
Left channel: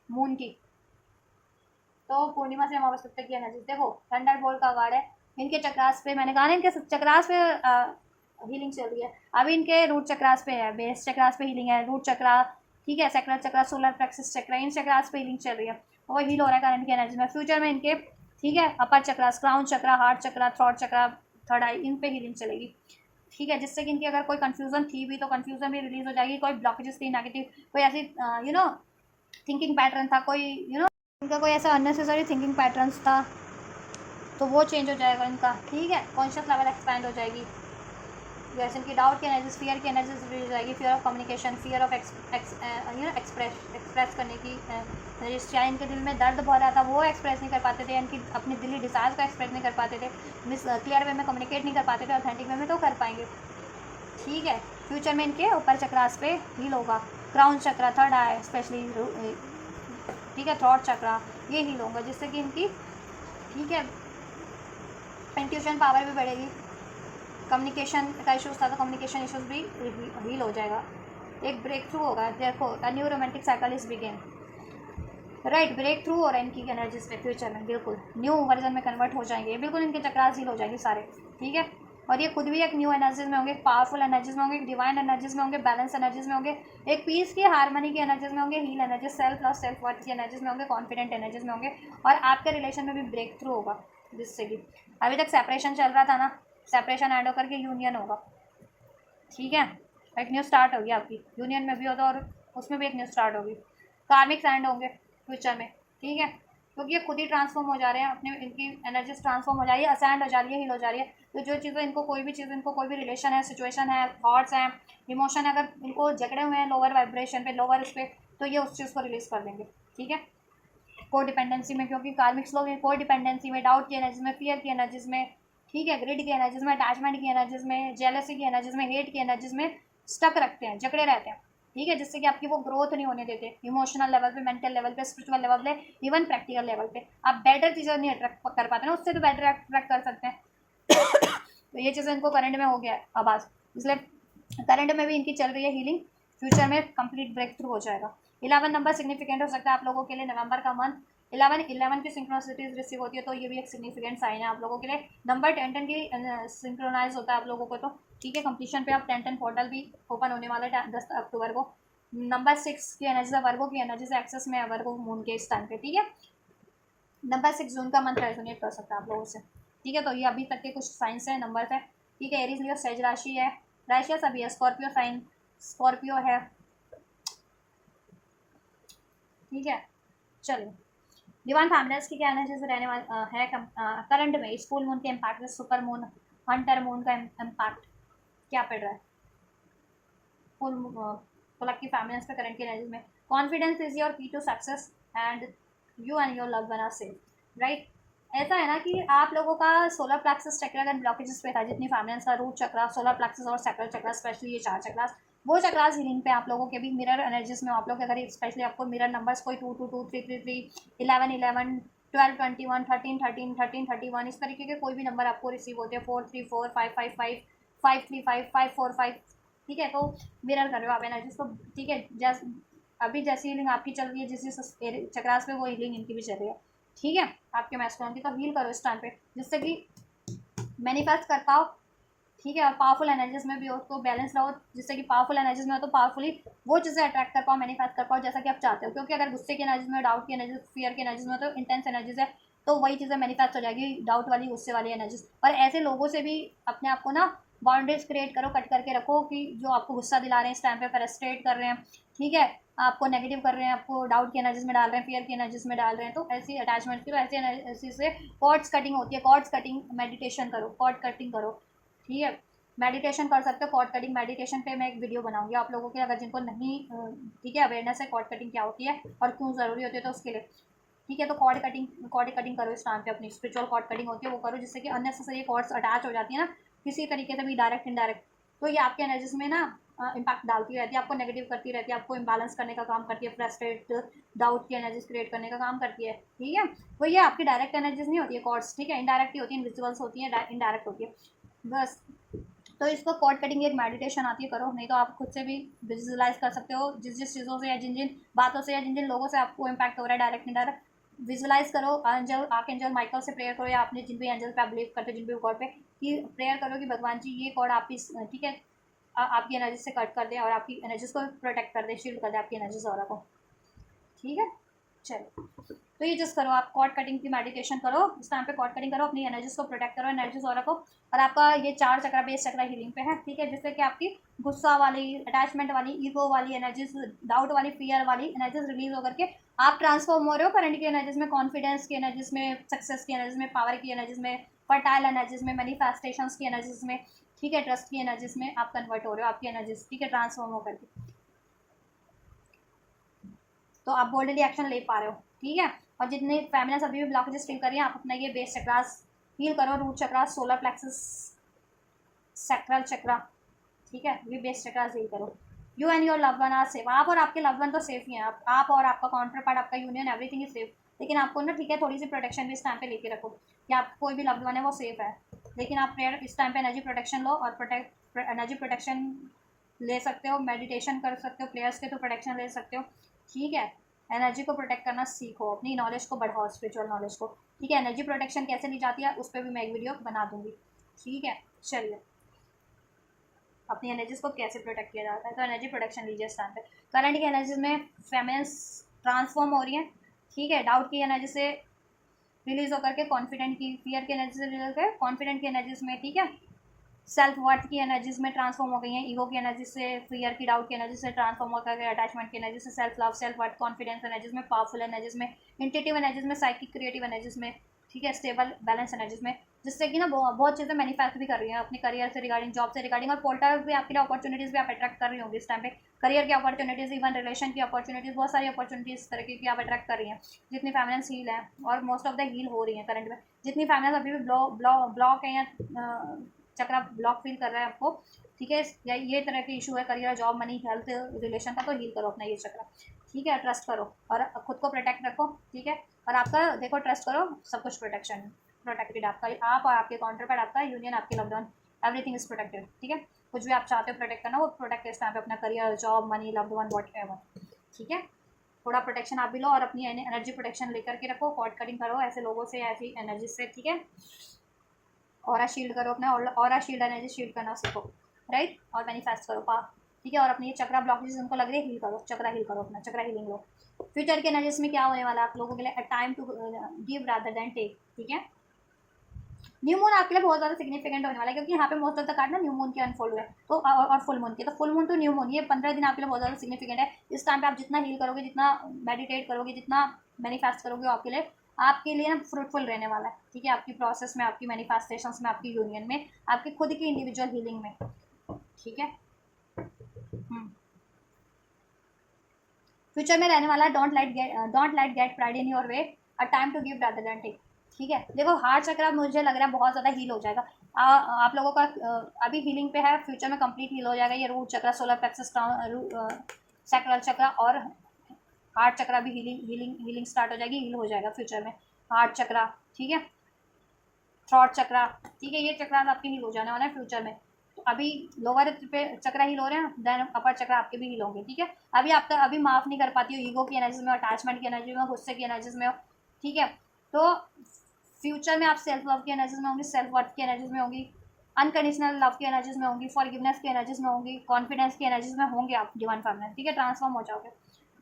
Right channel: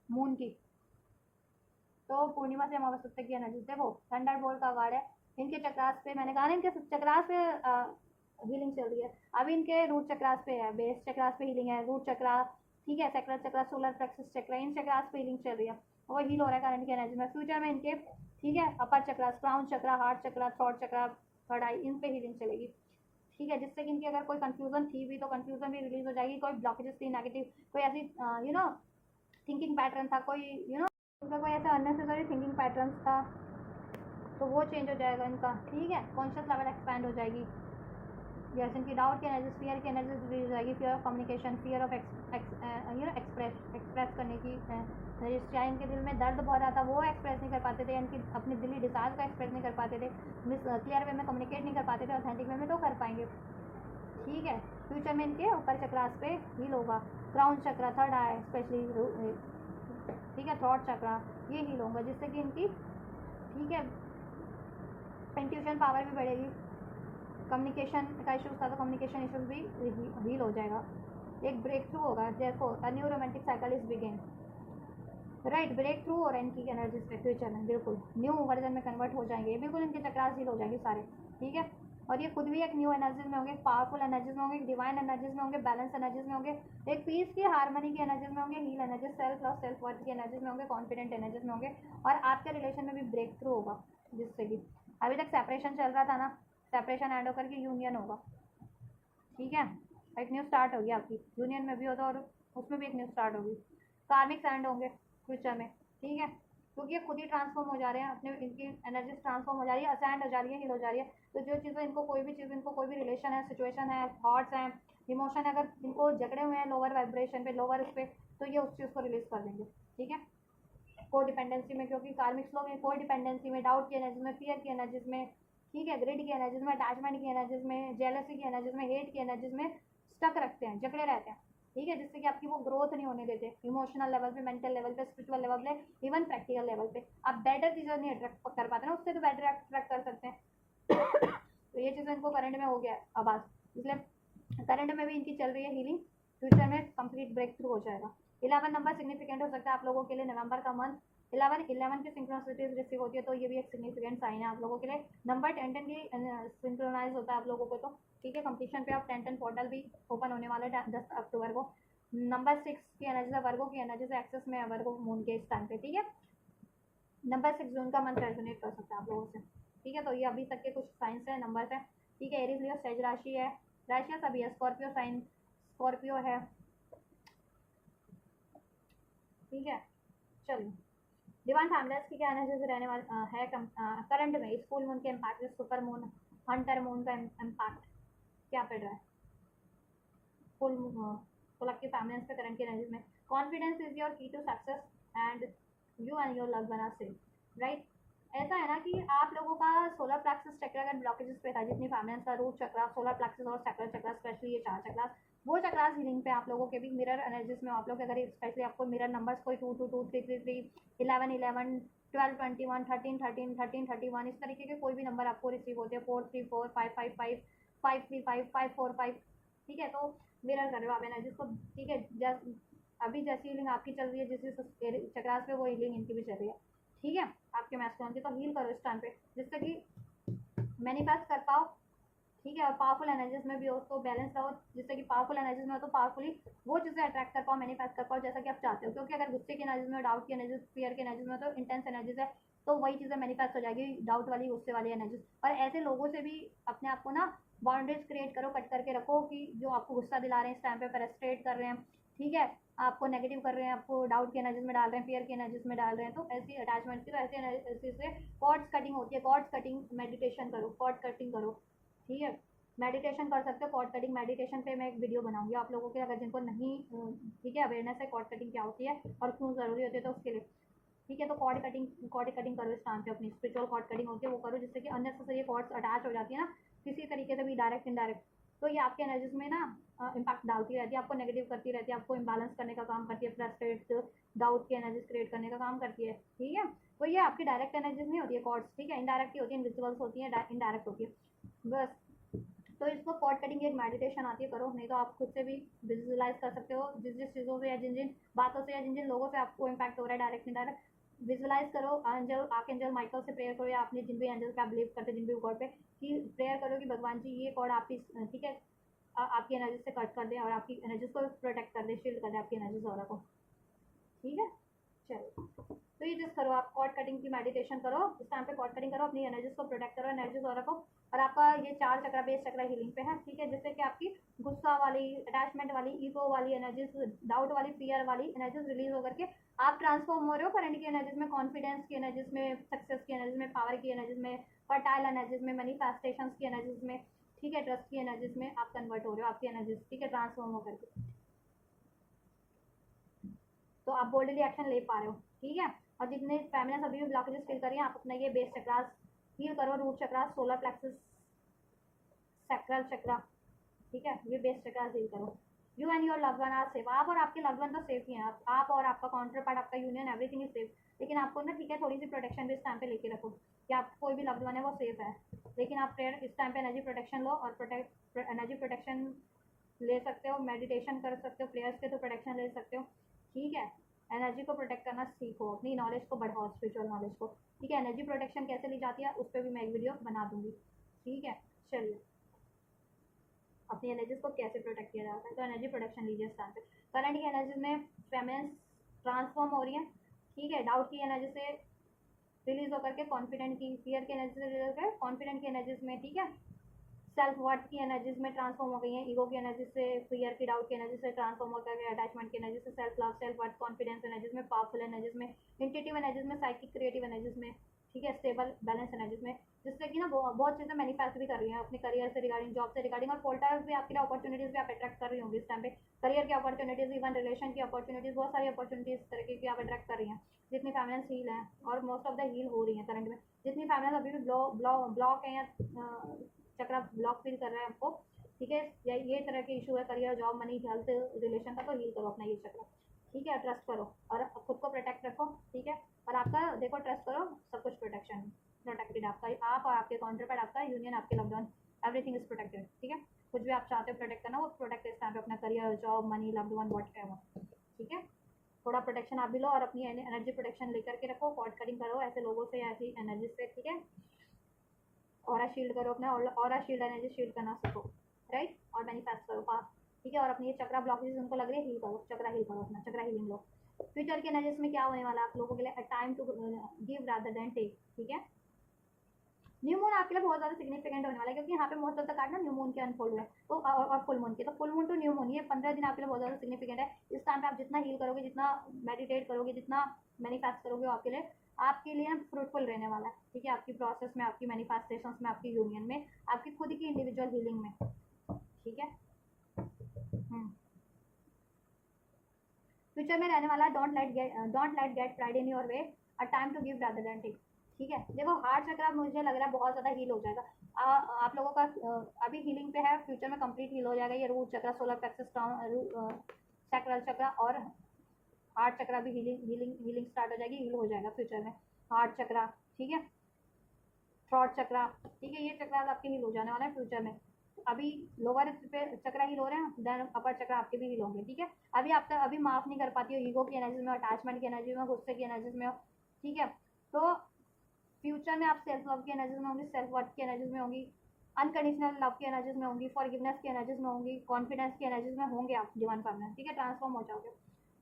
मून की, तो पूर्णिमा से अमावस्या तक की एनर्जी देखो। थंडरबोल्ट का गार्ड है, इनके चक्रास पे, मैंने कहा ना इनके चक्रास पे हीलिंग चल रही है। अभी इनके रूट चक्रास पे है, बेस चक्रास पे हीलिंग है, रूट चक्रा, ठीक है, सेक्रल चक्रा, सोलर प्लेक्सस चक्रा, इन चक्रास पे हीलिंग चल रही है, और हील हो रहा है करंट की एनर्जी में। फ्यूचर में इनके, ठीक है, अपर चक्रास, क्राउन चक्रा, हार्ट चक्रा, थ्रॉट चक्रा, थर्ड आई, इन पे हीलिंग चलेगी। ठीक है, जिससे कि इनकी अगर कोई कंफ्यूजन थी भी तो कंफ्यूजन भी रिलीज हो जाएगी, कोई ब्लॉकेजेस थी नेगेटिव, कोई ऐसी थिंकिंग पैटर्न था, कोई इनका कोई ऐसा अननेसेसरी थिंकिंग पैटर्न्स था, तो वो चेंज हो जाएगा इनका। ठीक है, कॉन्शियस लेवल एक्सपैंड हो जाएगी। जैसे इनकी डाउट की एनर्जीज, फियर की एनर्जीज रिलीज हो जाएगी, fear of communication, fear of express करने की एनर्जीज। चाहे इनके दिल में दर्द बहुत रहा था वो एक्सप्रेस नहीं कर पाते थे, इनकी अपनी दिली डिजायर्स को एक्सप्रेस नहीं कर पाते थे, क्लियर वे में कम्युनिकेट नहीं कर पाते थे, ऑथेंटिक वे में तो कर पाएंगे। ठीक है, फ्यूचर में इनके ऊपर चक्रास पे हील होगा, क्राउन चक्रा, थर्ड आई स्पेशली, ठीक है, थ्रॉट चक्रा, ये हील होगा, जिससे कि इनकी, ठीक है, इंट्यूशन पावर भी बढ़ेगी। कम्युनिकेशन का इशूज़ था तो कम्युनिकेशन इशूज़ भी हील हो जाएगा, एक ब्रेक थ्रू होगा। देखो a new romantic cycle is begin, right, breakthrough हो रहा है इनकी एनर्जीज में, फ्यूचर में बिल्कुल न्यू वर्जन में कन्वर्ट हो जाएंगे, बिल्कुल इनके चक्रास हील हो जाएंगे सारे। ठीक है, और ये खुद भी एक न्यू एनर्जीज में होंगे, पावरफुल एनर्जीज में होंगे, डिवाइन एनर्जीज में होंगे, बैलेंस एनर्जीज में होंगे, एक पीस की, हार्मनी की एनर्जीज में होंगे, heal energies, self love, self worth की एनर्जीज में होंगे, कॉन्फिडेंट एनर्जीज में होंगे, और आपके रिलेशन में भी ब्रेक थ्रू होगा, जिससे कि अभी तक सेपरेशन चल रहा था ना, सेपरेशन एंड होकर के यूनियन होगा। ठीक है, एक न्यू स्टार्ट होगी आपकी, यूनियन में भी होगा और उसमें भी एक न्यू स्टार्ट होगी, कार्मिक एंड होंगे फ्यूचर में। ठीक है, क्योंकि ये खुद ही ट्रांसफॉर्म हो जा रहे हैं, अपने इनकी एनर्जीज ट्रांसफॉर्म हो जा रही है, असेंड हो जा रही है, हील हो जा रही है। तो जो चीज़ें इनको, कोई भी चीज़ इनको, कोई भी रिलेशन है, सिचुएशन है, थॉट्स हैं, इमोशन है, अगर इनको जकड़े हुए हैं लोअर वाइब्रेशन पे, लोअर इस पर, तो ये उस चीज़ को रिलीज कर देंगे। ठीक है, को डिपेंडेंसी में, क्योंकि कार्मिक्स लोग हैं को डिपेंडेंसी में, डाउट की एनर्जीज में, फियर की एनर्जीज में, ठीक है, ग्रिड की एनर्जीज में, अटैचमेंट की एनर्जीज में, जेलसी की एनर्जीज में, हेट की एनर्जीज में स्टक रखते हैं, जकड़े रहते हैं। ठीक है, जिससे कि आपकी वो ग्रोथ नहीं होने देते, इमोशनल लेवल पे, मेंटल लेवल पे, स्पिरिचुअल लेवल पे, इवन प्रैक्टिकल लेवल पे आप बेटर चीज़ें नहीं अट्रैक्ट कर पाते ना, उससे तो बेटर अट्रैक्ट कर सकते हैं। तो ये चीज़ें इनको करंट में हो गया है आवाज़, इसलिए करंट में भी इनकी चल रही है हीलिंग, फ्यूचर में कंप्लीट ब्रेक थ्रू हो जाएगा। 11 नंबर सिग्निफिकेंट हो सकता है आप लोगों के लिए, नवंबर का मंथ 11 की सिंक्रोनिसिटीज रिसीव होती है, तो ये भी एक सिग्निफिकेंट साइन है आप लोगों के लिए। नंबर 10 की सिंक्रोनाइज होता है आप लोगों को, तो ठीक है, कंप्लीशन पे आप 10 पोर्टल भी ओपन होने वाला है 10 अक्टूबर को। नंबर 6 की एनर्जी है वर्गो की एनर्जी से एक्सेस में है वर्गो मून के इस टाइम पे। ठीक है, नंबर 6 जून का मंथ रेजोनेट कर सकता है आप लोगों से। ठीक है, तो ये अभी तक के कुछ साइंस है, नंबर है। ठीक है, एरीज लियो सेज राशि है, राशि सभी है, स्कॉर्पियो साइन, स्कॉर्पियो है। ठीक है, चलो, डिवाइन फैमिलीज की क्या एनर्जीज रहने वाला है करंट में, स्कूल मून के impact, super moon, Hunter moon का इम्पैक्ट क्या पड़ रहा है फुल फलक की फैमिलीज पे करंट की एनर्जीज में। Confidence is your key to success and you and your love one are safe. Right. ऐसा है ना कि आप लोगों का सोलर प्लेक्सस चक्र अगर ब्लॉकेजेस पे था, जितनी फैमिलीज का रूट चक्र, सोलर प्लेक्सस और सैक्रल चक्र, स्पेशली ये 4 चक्रास, वो चक्रास हीलिंग पे आप लोगों के भी मिरर एनर्जीज में आप लोग अगर स्पेशली आपको मिरर नंबर्स कोई 222 333 11 11 12 21 13 13 13 31 इस तरीके के कोई भी नंबर आपको रिसीव होते हैं, 434 555 535 545, ठीक है। तो मिरर कर रहे हो आप एनर्जीज को, ठीक है। जैसे अभी जैसी हीलिंग आपकी चल रही है जिस चक्रास में, वो हीलिंग इनकी भी चल रही है, ठीक है। आपके मैस्कुलिन की तो हील करो इस टाइम पे, जिससे कि मैनिफेस्ट कर पाओ, ठीक है। और पावरफुल एनर्जीज में भी हो तो बैलेंस रहो, जिससे कि पावरफुल एनर्जीज में हो तो पावरफुली वो चीज़ें अट्रैक्ट कर पाओ, मैनिफेस्ट कर पाओ जैसा कि आप चाहते हो। क्योंकि अगर गुस्से की एनर्जीज में, डाउट की एनर्जीज, फियर की एनर्जीज में तो इंटेंस एनर्जीज है, तो वही चीज़ें मैनिफेस्ट हो जाएगी, डाउट वाली, गुस्से वाली एनर्जीज। और ऐसे लोगों से भी अपने आप को ना बाउंड्रीज क्रिएट करो, कट करके रखो, कि जो आपको गुस्सा दिला रहे हैं इस टाइम पे, फ्रस्ट्रेट कर रहे हैं, ठीक है, आपको नेगेटिव कर रहे हैं, आपको डाउट की एनर्जीज में डाल रहे हैं, फियर की एनर्जीज में डाल रहे हैं, तो ऐसी अटैचमेंट की, तो ऐसी से कॉर्ड्स कटिंग होती है। कॉर्ड्स कटिंग मेडिटेशन करो, कॉर्ड कटिंग करो, ठीक है। मेडिटेशन कर सकते हो, कॉर्ड कटिंग मेडिटेशन पे मैं एक वीडियो बनाऊंगी आप लोगों के, अगर जिनको नहीं ठीक है अवेयरनेस है कॉर्ड कटिंग क्या होती है और क्यों ज़रूरी होती है, तो उसके लिए, ठीक है। तो कॉर्ड कटिंग करो इस टाइम पे, अपनी स्पिरिचुअल कॉर्ड कटिंग होती है वो करो, जिससे कि अननेसेसरी कॉर्ड्स अटैच हो जाती है ना किसी तरीके से भी, डायरेक्ट इनडायरेक्ट, तो ये आपके एनर्जीज में ना इम्पैक्ट डालती रहती है, आपको नेगेटिव करती रहती है, आपको इम्बैलेंस करने का काम करती है, फ्रस्ट्रेट डाउट की एनर्जीज क्रिएट करने का काम करती है, ठीक है। तो ये आपकी डायरेक्ट एनर्जीज नहीं होती है कॉर्ड्स, ठीक है, इनडायरेक्ट ही होती है, इनविजिबल्स होती है, इनडायरेक्ट होती है बस। तो इसको कॉर्ड कटिंग एक मेडिटेशन आती है, करो, नहीं तो आप खुद से भी विजुअलाइज कर सकते हो, जिस जिस चीज़ों से या जिन जिन बातों से या जिन जिन लोगों से आपको इम्पैक्ट हो रहा है, डायरेक्ट इनडायरेक्ट, विजुअलाइज करो। एंजल, आर्क एंजल माइकल से प्रेयर करो, या आपने जिन भी एंजल पे आप बिलीव करते हो, जिन भी गॉड पे, कि प्रेयर करो कि भगवान जी ये कॉर्ड आपकी, ठीक है, आपकी एनर्जी से कट कर दे और आपकी एनर्जीज को प्रोटेक्ट कर दे, शील्ड कर दे आपकी एनर्जीज और को, ठीक है। चलो, तो ये जस्ट करो, आप कॉर्ड कटिंग की मेडिटेशन करो इस टाइम पे, कॉर्ड कटिंग करो, अपनी एनर्जीज को प्रोटेक्ट करो, एनर्जीज और को। और आपका ये 4 चक्रा बेस चक्रा हीलिंग पे है, ठीक है, जिससे कि आपकी गुस्सा वाली, अटैचमेंट वाली, ईगो वाली एनर्जीज, डाउट वाली, फियर वाली एनर्जीज रिलीज होकर के आप ट्रांसफॉर्म हो रहे हो करंट की एनर्जीज में, कॉन्फिडेंस की एनर्जीज में, सक्सेस की एनर्जीज में, पावर की एनर्जीज में, फर्टाइल एनर्जीज में, मैनिफेस्टेशन की एनर्जीज में, ठीक है, ट्रस्ट की एनर्जीज में आप कन्वर्ट हो रहे हो, आपकी एनर्जीज, ठीक है, ट्रांसफॉर्म होकर के, तो आप बोल्डली एक्शन ले पा रहे हो, ठीक है। और जितने फैमिलीज अभी भी ब्लॉकेजेस फील कर रही हैं, आप अपना ये बेस चक्रास फील करो, root chakra, solar plexus, sacral chakra, ठीक है, ये बेस चक्रास फील करो। You and your love one are safe, आप और आपके लव वन तो सेफ ही हैं, आप और आपका काउंटर पार्ट, आपका यूनियन, एवरीथिंग इज सेफ। लेकिन आपको ना, ठीक है, थोड़ी सी प्रोटेक्शन भी इस टाइम पे लेके रखो, कि आप कोई भी लव्ड वन है वो सेफ है। लेकिन आप प्रेयर इस टाइम पे एनर्जी प्रोटेक्शन लो, और एनर्जी प्रोटेक्शन ले सकते हो, मेडिटेशन कर सकते हो, प्लेयर्स के थ्रू प्रोटेक्शन ले सकते हो, ठीक है। एनर्जी को प्रोटेक्ट करना सीखो, अपनी नॉलेज को बढ़ाओ, स्पिरिचुअल नॉलेज को, ठीक है। एनर्जी प्रोटेक्शन कैसे ली जाती है उस पर भी मैं एक वीडियो बना दूंगी, ठीक है। चलिए, अपनी एनर्जीज को कैसे प्रोटेक्ट किया जाता है, तो एनर्जी प्रोटेक्शन लीजिए इस टाइम पे। करंट की एनर्जीज में फेमिनिन्स ट्रांसफॉर्म हो रही हैं, ठीक है, डाउट की एनर्जी से रिलीज होकर के कॉन्फिडेंट की, फियर की एनर्जी से रिलीज होकर कॉन्फिडेंट की एनर्जीज में, ठीक है, सेल्फ वर्थ की एनर्जीज में ट्रांसफॉर्म हो गई हैं, ईगो की एनर्जी से, फियर की, डाउट की एनर्जी से ट्रांसफॉर्म होकर के अटैचमेंट की एनर्जी से, self love, self worth, confidence energies में, पावरफुल एनर्जीज में, इंट्यूटिव एनर्जीज में, साइकिक क्रिएटिव एनर्जीज में, ठीक है, स्टेबल बैलेंस एनर्जीज में, जिससे कि ना बहुत चीज़ें मैनिफेस्ट भी कर रही हैं अपने करियर से रिगार्डिंग, जॉब से रिगार्डिंग, और पोर्टल भी आपके लिए अपॉर्चुनिटीज़ भी आप अट्रैक्ट कर रही होंगी इस टाइम पे, करियर की अपॉर्चुनिटीज़, इवन रिलेशन की अपॉर्चुनिटीज़, बहुत सारी अपॉर्चुनिटीज़ इस तरीके की आप अट्रैक्ट कर रही हैं। जितनी फैमिलीज हील हैं, और मोस्ट ऑफ द हील हो रही हैं करंट में, जितनी फैमिलीज अभी भी ब्लॉक है, या चक्रा ब्लॉक फील कर रहा है आपको, ठीक है, या ये तरह के इशू है, career, job, money, health, relation का, तो हील करो अपना ये चक्रा, ठीक है। ट्रस्ट करो और खुद को प्रोटेक्ट रखो, ठीक है। और आपका देखो, ट्रस्ट करो, सब कुछ प्रोटेक्शन प्रोटेक्टेड, आपका, आप और आपके काउंटर पर, आपका यूनियन, आपके loved one, everything is protected, ठीक है। कुछ भी आप चाहते हो प्रोटेक्ट करना, वो प्रोटेक्ट इस टाइम पे, अपना career, job, money, loved one, what ever, ठीक है। थोड़ा प्रोटेक्शन आप भी लो, और अपनी एनर्जी प्रोटेक्शन लेकर के रखो, कॉर्ड कटिंग करो ऐसे लोगों से, ऐसी एनर्जी से, ठीक है। ऑरा शील्ड करो अपना, ऑरा शील्ड एनर्जी शील्ड करना सीखो, राइट, और मैनिफेस्ट करो पा, ठीक है। और अपनी ये चक्रा ब्लॉकेज उनको लग रही है, हील करो, चक्रा हील करो अपना, चक्रा हीलिंग लो। फ्यूचर के एनर्जीज में क्या होने वाला है आप लोगों के लिए, a time to give rather than take, ठीक है। न्यू मून आपके लिए बहुत ज़्यादा सिग्निफिकेंट होने वाला है, क्योंकि यहाँ पे मोस्ट ऑफ द कार्ड ना न्यू मून के अनफोल्ड हुए, तो और फुल मून के, तो full moon to new moon, ये 15 दिन आपके लिए बहुत ज़्यादा सिग्निफिकेंट है। इस टाइम पे आप जितना हील करोगे, जितना मेडिटेट करोगे, जितना मैनिफेस्ट करोगे, आपके लिए ना फ्रूटफुल रहने वाला है, ठीक है, आपकी प्रोसेस में, आपकी मैनिफेस्टेशन में, आपकी यूनियन में, आपकी खुद की इंडिविजुअल हीलिंग में, ठीक है। फ्यूचर में रहने वाला है, don't let get pride in your way, a time to give rather than take. ठीक है, देखो हार्ट चक्र मुझे लग रहा है बहुत ज़्यादा हील हो जाएगा। आप लोगों का अभी हीलिंग पे है, फ्यूचर में कंप्लीट हील हो जाएगा। ये रूट चक्र, सोलर प्लेक्सस, सैक्रल चक्र और हार्ट चक्र भी हीलिंग स्टार्ट हो जाएगी, हील हो जाएगा फ्यूचर में हार्ट चक्र। ठीक है, थ्रॉट चक्र, ठीक है, ये चक्र आपके हील हो जाने वाला है फ्यूचर में। तो अभी लोअर पे चक्र हील हो रहे हैं, देन अपर चक्र आपके भी हील होंगे। ठीक है, अभी माफ नहीं कर पाती हो ईगो की एनर्जी में, अटैचमेंट की एनर्जी में, गुस्से की एनर्जीज में हो। ठीक है, तो फ्यूचर में आप सेल्फ लव की एनर्जीज में होंगी, सेल्फ वर्थ की एनर्जीज में होंगी, अनकंडीशनल लव की एनर्जीज में होंगी, फॉरगिवनेस की एनर्जीज में होंगी, कॉन्फिडेंस की एनर्जीज में होंगे आप डिवाइन फॉर्म में। ठीक है, ट्रांसफॉर्म हो जाओगे,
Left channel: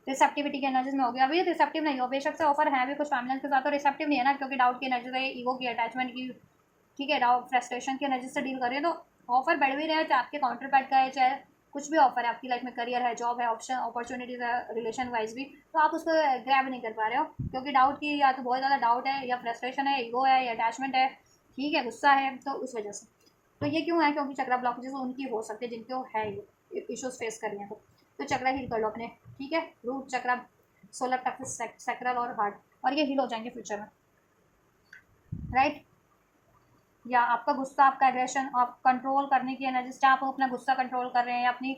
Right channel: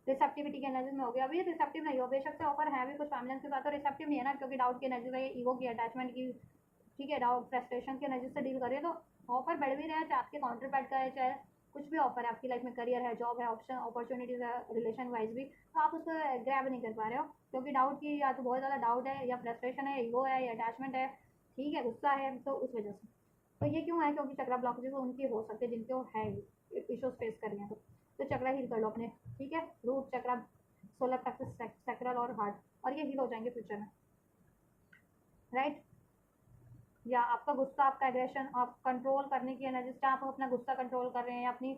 रिसेप्टिविटी की एनर्जीज में होगी। अभी रिसेप्टिव नहीं हो, बेशक से ऑफर है भी कुछ फैमिली के साथ, तो रिसेप्टिव नहीं है ना, क्योंकि डाउट की एनर्जी है, ईगो की, अटैचमेंट की। ठीक है, डाउट फ्रस्ट्रेशन की एनर्जी से डील कर रही है, तो ऑफर बढ़ भी रहा है, चाहे आपके काउंटर पैड का है, चाहे कुछ भी ऑफर है आपकी लाइफ में, करियर है, जॉब है, ऑप्शन अपॉर्चुनिटीज है, रिलेशन वाइज भी, तो आप उसको ग्रैब नहीं कर पा रहे हो, क्योंकि डाउट की या तो बहुत ज़्यादा डाउट है, या फ्रस्ट्रेशन है, ईगो है, या अटैचमेंट है, ठीक है, गुस्सा है, तो उस वजह से। तो ये क्यों है, क्योंकि चक्रा ब्लॉकेजेस उनकी हो सकते हैं जिनको है ये इशूज फेस कर रही हैं, तो चक्रा हील कर लो अपने। ठीक है, root chakra, solar plexus, sacral और हार्ट, और ये हील हो जाएंगे फ्यूचर में, राइट। या आपका गुस्सा, आपका एग्रेशन, आप कंट्रोल करने की एनर्जीज, चाहे आप अपना गुस्सा कंट्रोल कर रहे हैं या अपनी,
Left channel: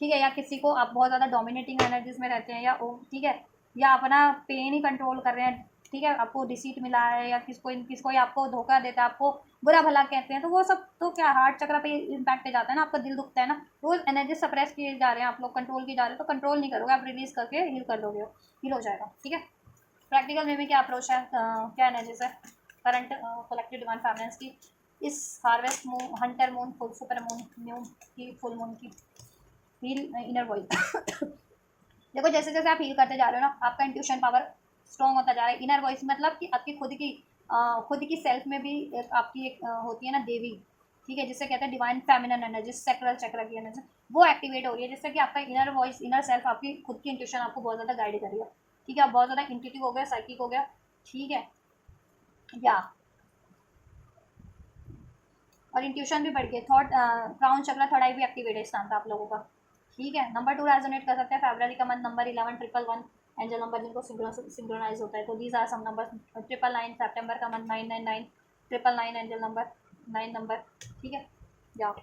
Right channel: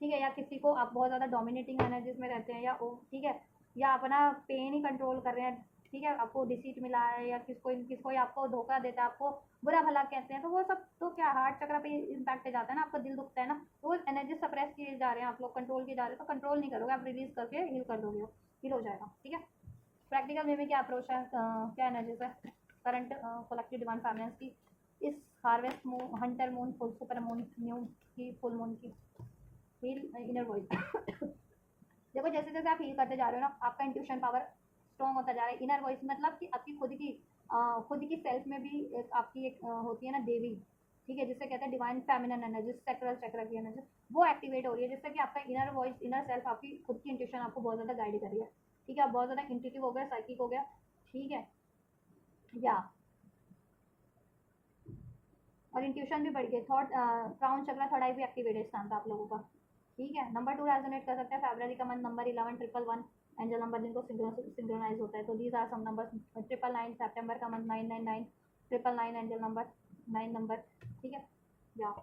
ठीक है, या किसी को आप बहुत ज़्यादा डोमिनेटिंग एनर्जीज में रहते हैं, या ठीक है, या अपना पेन ही कंट्रोल कर रहे हैं। ठीक है, आपको डिसीट मिला है, या किसको आपको धोखा देता है, आपको बुरा भला कहते हैं, तो वो सब तो क्या हार्ट चक्र पे इम्पैक्ट जाता है ना, आपका दिल दुखता है ना, वो एनर्जी सप्रेस किए जा रहे हैं आप लोग, कंट्रोल किए जा रहे हैं, तो कंट्रोल नहीं करोगे आप, रिलीज करके हील कर दोगे, हील हो जाएगा। ठीक है, प्रैक्टिकल वे में क्या अप्रोच है, क्या एनर्जीज है करंट कलेक्टिव डिवाइन फैमिलीज की इस harvest moon, Hunter moon, full super moon, new की, फुल मून की हील इनर वॉइस। देखो जैसे जैसे आप हील करते जा रहे हो ना, आपका इंट्यूशन पावर स्ट्रॉन्ग होता जा रहा है। इनर वॉइस मतलब कि आपकी खुद की सेल्फ में भी आपकी एक होती है ना देवी, ठीक है, जिससे कहते हैं डिवाइन फेमिनिन एनर्जी, सैक्रल चक्र की एनर्जी, वो एक्टिवेट हो रही है, जिससे कि आपका इनर वॉइस, इनर सेल्फ, आपकी खुद की इंट्यूशन आपको बहुत ज़्यादा गाइड कर रही है। ठीक है, आप बहुत ज़्यादा इंट्यूटिव हो गया, साइकिक हो गया। ठीक है, या और इंट्यूशन भी बढ़ गई, थॉट, क्राउन चक्र, थर्ड आई भी एक्टिवेट है इस टाइम पे आप लोगों का। ठीक है, नंबर 2 रेजोनेट कर सकते हैं, फरवरी का मंथ, नंबर 11 1 1 1 एंजल नंबर जिनको सिंक्रोनाइज होता है, तो दीज आर सम नंबर। 999 सितंबर का मंथ, 999 999 एंजल नंबर, 9 नंबर। ठीक है, जाओ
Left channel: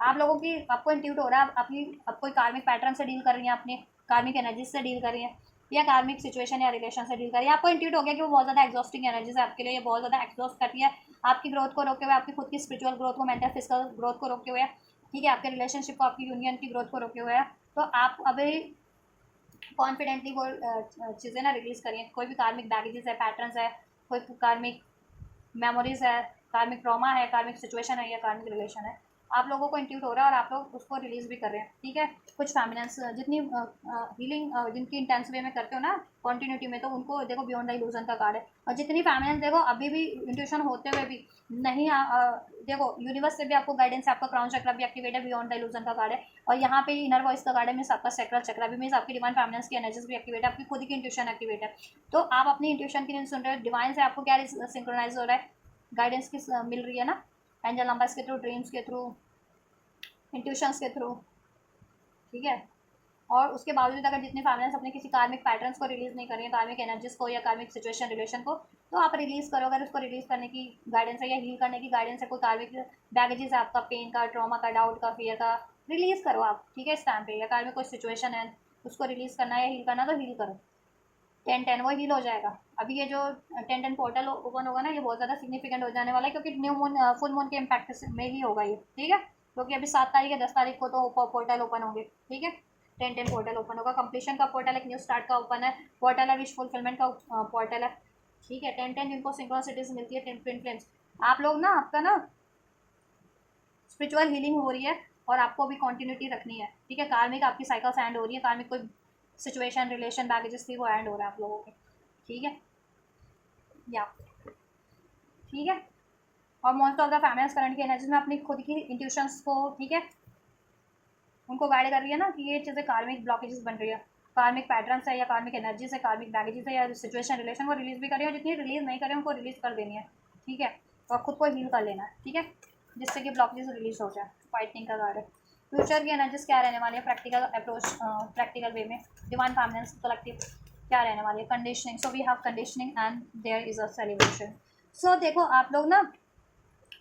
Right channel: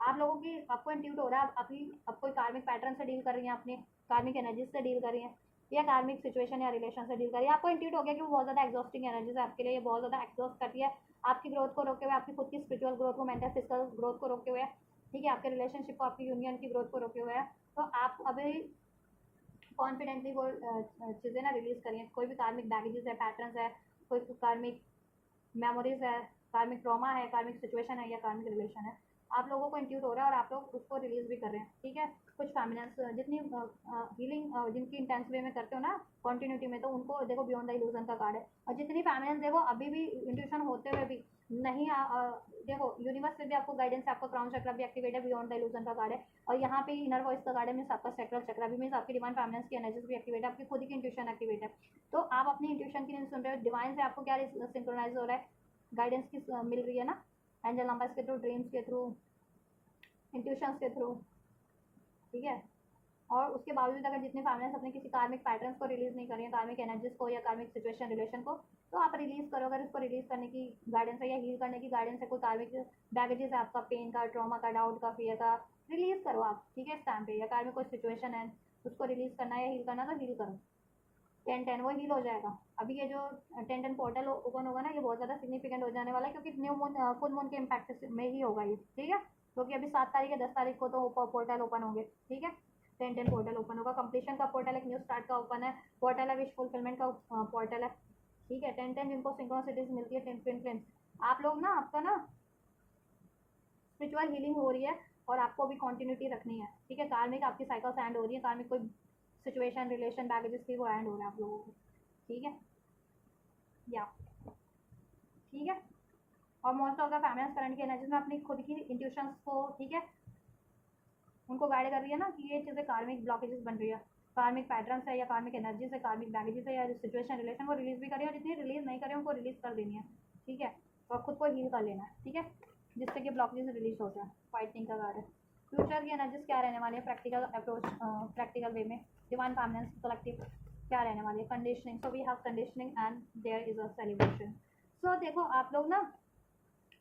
आप लोगों की, आपको इंट्यूट हो रहा है, आप कोई कार्मिक पैटर्न से डील कर रही हैं, अपने कार्मिक एनर्जी से डील कर रही हैं, या कार्मिक सिचुएशन या रिलेशन से डील कर रही है, आपको इंट्यूट हो गया कि वो बहुत ज़्यादा एग्जॉस्टिंग एनर्जीज है आपके लिए, ये बहुत ज़्यादा एग्जॉस्ट करती है आपकी ग्रोथ को रोके हुए, आपकी खुद की स्पिरिचुअल ग्रोथ को, मेंटल फिजिकल ग्रोथ को रोके हुए। ठीक है, आपके रिलेशनशिप को, आपकी यूनियन की ग्रोथ को रोके हुए है, तो आप अभी कॉन्फिडेंटली वो चीज़ें ना रिलीज करिए। कोई भी कार्मिक बैगेजेस है, पैटर्न्स है, कोई कार्मिक मेमोरीज है, कार्मिक ट्रॉमा है, कार्मिक सिचुएशन है, या कार्मिक रिलेशन है, आप लोगों को इंट्यूट हो रहा है और आप लोग उसको रिलीज भी कर रहे हैं। ठीक है, कुछ फैमिनेंस जितनी हीलिंग जिनकी इंटेंस वे में करते हो ना कॉन्टिन्यूटी में, तो उनको देखो बियॉन्ड द इल्यूजन का कार्ड है, और जितनी फैमिनेंस देखो अभी भी इंट्यूशन होते हुए भी नहीं देखो यूनिवर्स से भी आपको गाइडेंस, आपका क्राउन चक्र भी एक्टिवेट है, बियॉन्ड द इल्यूजन का कार्ड है, और यहाँ पे इनर वॉइस का कार्ड है, मीन्स आपका सैक्रल चक्र भी, मीन्स आपकी डिवाइन फैमिनेंस की एनर्जीज भी एक्टिवेट है, आपकी खुद की इंट्यूशन एक्टिवेट है। तो आप अपनी इंट्यूशन की नहीं सुन रहे हो, डिवाइन से आपको क्या सिंक्रोनाइज हो रहा है, गाइडेंस की मिल रही है ना, एंजल नंबर्स के थ्रू, ड्रीम्स के थ्रू, इंट्यूशंस के थ्रू। ठीक है, और उसके बावजूद अगर जितने फैमिलीज अपने किसी कार्मिक पैटर्न्स को रिलीज नहीं कर रही हैं, कार्मिक एनर्जीज को या कार्मिक सिचुएशन रिलेशन को, तो आप रिलीज करो। अगर उसको रिलीज करने की गाइडेंस है या हील करने की गाइडेंस है, कोई कार्मिक बैगेजेस है आपका, पेन का, ट्रॉमा का, डाउट का, फियर का, रिलीज करो आप। ठीक है, इस टाइम पे, या कार्मिक कोई सिचुएशन है उसको रिलीज करना है या हील करना, तो हील करो। 10-10 वो हील हो जाएगा। अभी ये जो 10-10 पोर्टल ओपन होगा ना, ये बहुत ज़्यादा सिग्निफिकेंट हो जाने वाला है, क्योंकि न्यू मून, फुल मून के इम्पैक्ट में ही होगा ये। ठीक है, क्योंकि अभी 7 तारीख है, 10 तारीख को तो पोर्टल ओपन होंगे। ठीक है, 10-10 पोर्टल ओपन होगा, कंप्लीशन का पोर्टल, एक न्यू स्टार्ट का ओपन है पोर्टल है, विश फुलफिलमेंट का पोर्टल है। ठीक है, 10-10 जिनको सिंक्रोनिसिटीज मिलती है, 10 ट्विन फ्लेम्स, आप लोग ना, आपका ना स्पिरिचुअल हीलिंग हो रही है, और आपको भी कंटिन्यूटी रखनी है। ठीक है, कार्मिक आपकी साइकिल्स एंड हो रही है, कार्मिक कोई सिचुएशन रिलेशन बैगेजेस थी वो एंड हो रहा है आप लोगों के। ठीक है, या ठीक है, और most of the families current की एनर्जी में अपनी खुद की इंट्यूशंस को, ठीक है, उनको गाइड कर रही है ना, कि ये चीज़ें कार्मिक ब्लॉकेजेस बन रही है, कार्मिक पैटर्न्स है, या कार्मिक एनर्जी है, कार्मिक बैगेजेस है, या सिचुएशन रिलेशन को रिलीज भी कर रही है, और जितनी रिलीज नहीं करें उनको रिलीज कर देनी है। ठीक है, और खुद को हील कर लेना है। ठीक है, जिससे कि ब्लॉकेजेस रिलीज हो जाए, फाइटिंग का कार्ड है। फ्यूचर की एनर्जीज क्या रहने वाली है, प्रैक्टिकल अप्रोच, प्रैक्टिकल वे में, डिवाइन फैमिलीज कलेक्टिव क्या रहने वाली है, conditioning. So we have conditioning and there is a celebration. So देखो आप लोग ना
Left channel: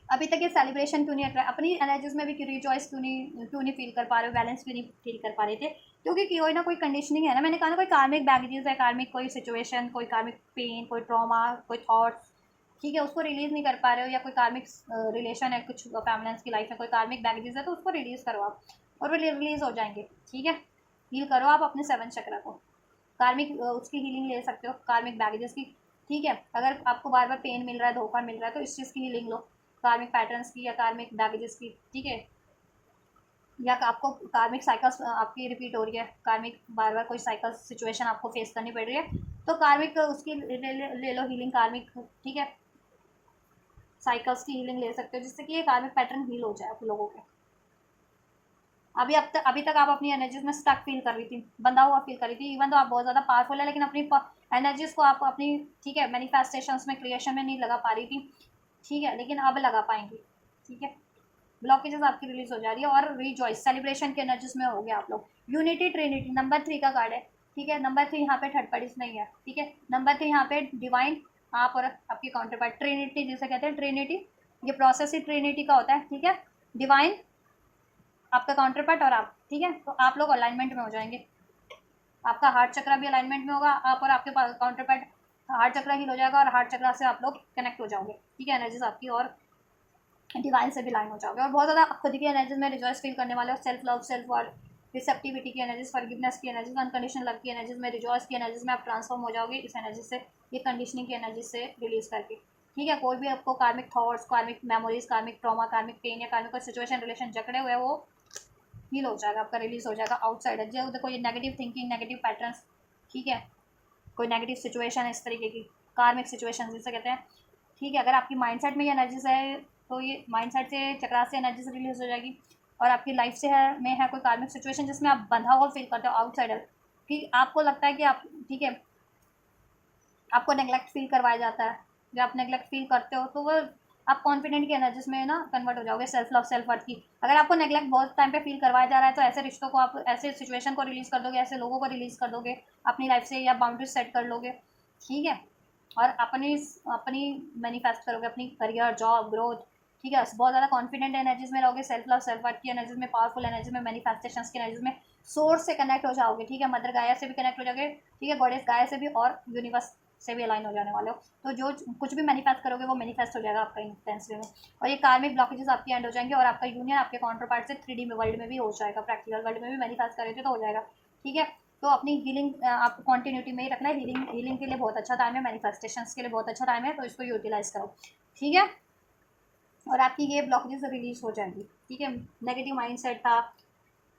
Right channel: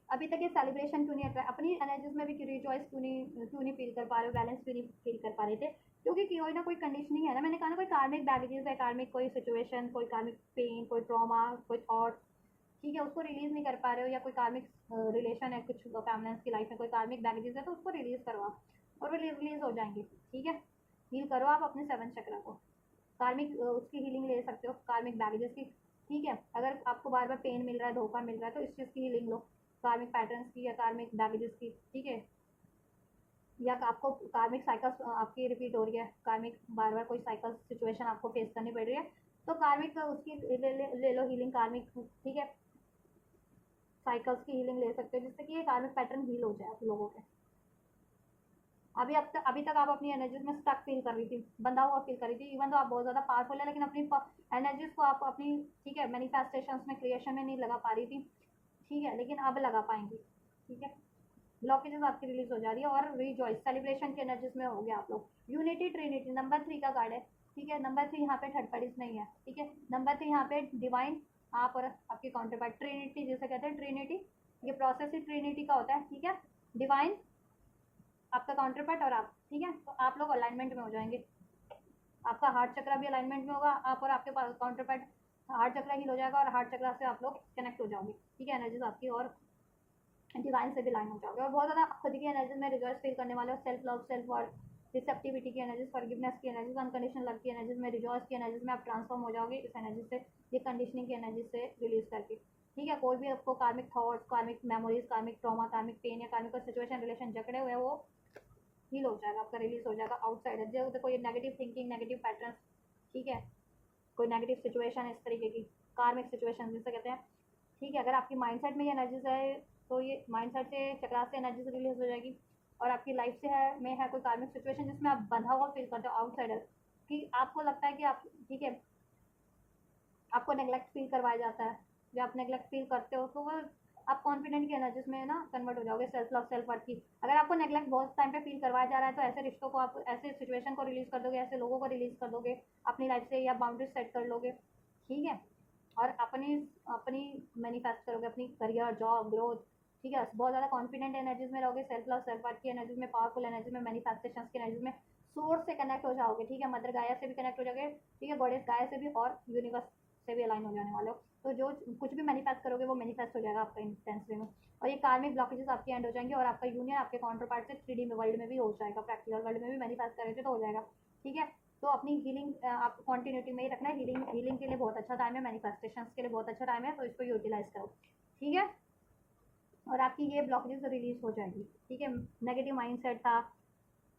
अभी तक ये सेलिब्रेशन क्यों नहीं हट रहा है, अपनी एनर्जीज में भी क्यों रिजॉइस क्यों नहीं फील कर पा रहे हो, बैलेंस क्यों नहीं फील कर पा रहे थे, क्योंकि कोई ना कोई कंडीशनिंग है ना. मैंने कहा ना कोई कार्मिक बैगेजेस है, कार्मिक कोई सिचुएशन, कोई कार्मिक पेन, कोई ट्रॉमा, कोई थॉट्स, ठीक है, उसको रिलीज नहीं कर पा रहे हो, या कोई कार्मिक रिलेशन है कुछ फैमिलीज की लाइफ में, कोई कार्मिक बैगेजेस है, तो उसको रिलीज करो आप और वो रिलीज हो जाएंगे. ठीक है, हील करो आप अपने 7 चक्र को. कार्मिक उसकी हीलिंग ले सकते हो कार्मिक बैगेजेस की. ठीक है, अगर आपको बार बार पेन मिल रहा है, धोखा मिल रहा है, तो इस चीज़ की हीलिंग लो, कार्मिक पैटर्न्स की या कार्मिक बैगेजेस की. ठीक है, या आपको कार्मिक साइकिल्स आपकी रिपीट हो रही है, कार्मिक बार बार कोई साइकिल सिचुएशन आपको फेस करनी पड़ रही है, तो कार्मिक उसकी ले लो हीलिंग कार्मिक. ठीक है, साइकिल्स की हीलिंग ले सकते हो जिससे कि ये कार्मिक पैटर्न हील हो जाए आप लोगों के. अभी तक आप अपनी एनर्जीज में स्टक फील कर रही थी, बंधा हुआ फील कर रही थी, इवन तो आप बहुत ज़्यादा पावरफुल है, लेकिन अपनी एनर्जीज को आप अपनी, ठीक है, मैनिफेस्टेशंस में, क्रिएशन में नहीं लगा पा रही थी. ठीक है, लेकिन अब लगा पाएंगी. ठीक है, ब्लॉकेजेस आपकी रिलीज हो जा रही है और रिजॉइस सेलिब्रेशन की एनर्जीज में हो गया आप लोग. यूनिटी ट्रिनिटी नंबर 3 का कार्ड है. ठीक है, नंबर 3 यहाँ पे थर्ड पार्टीज नहीं है. ठीक है, नंबर 3 यहाँ पे डिवाइन, आप और आपकी काउंटर पार्ट, ट्रिनिटी जिसे कहते हैं, ट्रिनिटी, ये प्रोसेस ही ट्रिनिटी का होता है. ठीक है, डिवाइन, आपका काउंटर पार्ट और आप. ठीक है, तो आप लोग अलाइनमेंट में हो जाएंगे, आपका हार्ट चक्र भी अलाइनमेंट में होगा, आप और आपके पास काउंटर पार्ट, हार्ट चक्र हील हो जाएगा और हार्ट चक्र से आप लोग कनेक्ट हो जाओगे. ठीक है, एनर्जीज आपकी और डिवाइन से भी लाइन हो जाओगे और बहुत ज़्यादा खुद की एनर्जीज में रिजॉइस फील करने वाले हो. Self love, self worth, receptivity की एनर्जीज, फॉरगिवनेस की एनर्जीज, अनकंडीशनल लव की एनर्जीज में, रिजॉइस की एनर्जीज में आप ट्रांसफॉर्म हो जाओगे इस एनर्जी से, ये कंडीशनिंग की एनर्जी से रिलीज करके. ठीक है, कोई भी आपको कार्मिक थॉट्स, कार्मिक मेमोरीज, कार्मिक ट्रॉमा, कार्मिक पेन या कार्मिक कोई सिचुएशन रिलेशन जकड़े हुए वो हील हो जाएगा आपका, रिलीज हो जाएगा आउटसाइड है. जो देखो ये नेगेटिव थिंकिंग, नेगेटिव पैटर्न्स, ठीक है, कोई नेगेटिव सिचुएशन है इस तरीके की, कार्मिक सिचुएशन जिसे कहते हैं. ठीक है, अगर आपकी माइंडसेट में ये एनर्जीज है तो ये माइंडसेट से, चक्रा से एनर्जी से रिलीज हो जाएगी. और आपकी लाइफ से है में है कोई कार्मिक सिचुएशन जिसमें आप बंधा हुआ फील करते हो, आउटसाइडर, कि आपको लगता है कि आप, ठीक है, आपको नेग्लेक्ट फील करवाया जाता है, जब आप नेग्लेक्ट फील करते हो तो वो आप कॉन्फिडेंट की एनर्जीज में ना कन्वर्ट हो जाओगे, सेल्फ लव, सेल्फ वर्थ की. अगर आपको नेग्लेक्ट बहुत टाइम पे फील करवाया जा रहा है तो ऐसे रिश्तों को आप, ऐसे सिचुएशन को रिलीज कर दोगे, ऐसे लोगों को रिलीज कर दोगे अपनी लाइफ से, या बाउंड्रीज सेट कर लोगे. ठीक है, और अपनी अपनी मैनिफेस्ट करोगे अपनी करियर, जॉब, ग्रोथ. ठीक है, बहुत ज़्यादा कॉन्फिडेंट एनर्जीज में रहोगे, सेल्फ लव, सेल्फ वर्थ की एनर्जीज में, पावरफुल एनर्जी में, मैनिफेस्टेशंस की एनर्जीज में, सोर्स से कनेक्ट हो जाओगे. ठीक है, मदर गाया से भी कनेक्ट हो जाओगे. ठीक है, गॉडेस गाया से भी, और यूनिवर्स से भी अलाइन हो जाने वाले हो. तो जो कुछ भी मैनिफेस्ट करोगे वो मैनिफेस्ट हो जाएगा आपका इंटेंसली में. और ये कार्मिक ब्लॉकेजेस आपकी एंड हो जाएंगे और आपका यूनियन आपके काउंटर पार्ट से 3D में वर्ल्ड में भी हो जाएगा, प्रैक्टिकल वर्ल्ड में भी मैनिफेस्ट करे थे तो हो जाएगा. ठीक है, तो अपनी हीलिंग आपको कॉन्टिन्यूटी में ही रखना है. हीलिंग के लिए बहुत अच्छा टाइम है, मैनिफेस्टेशंस के लिए बहुत अच्छा टाइम है, तो इसको यूटिलाइज करो. ठीक है, और आपकी ये ब्लॉकेजेस रिलीज हो जाएंगी. ठीक है, नेगेटिव माइंडसेट था,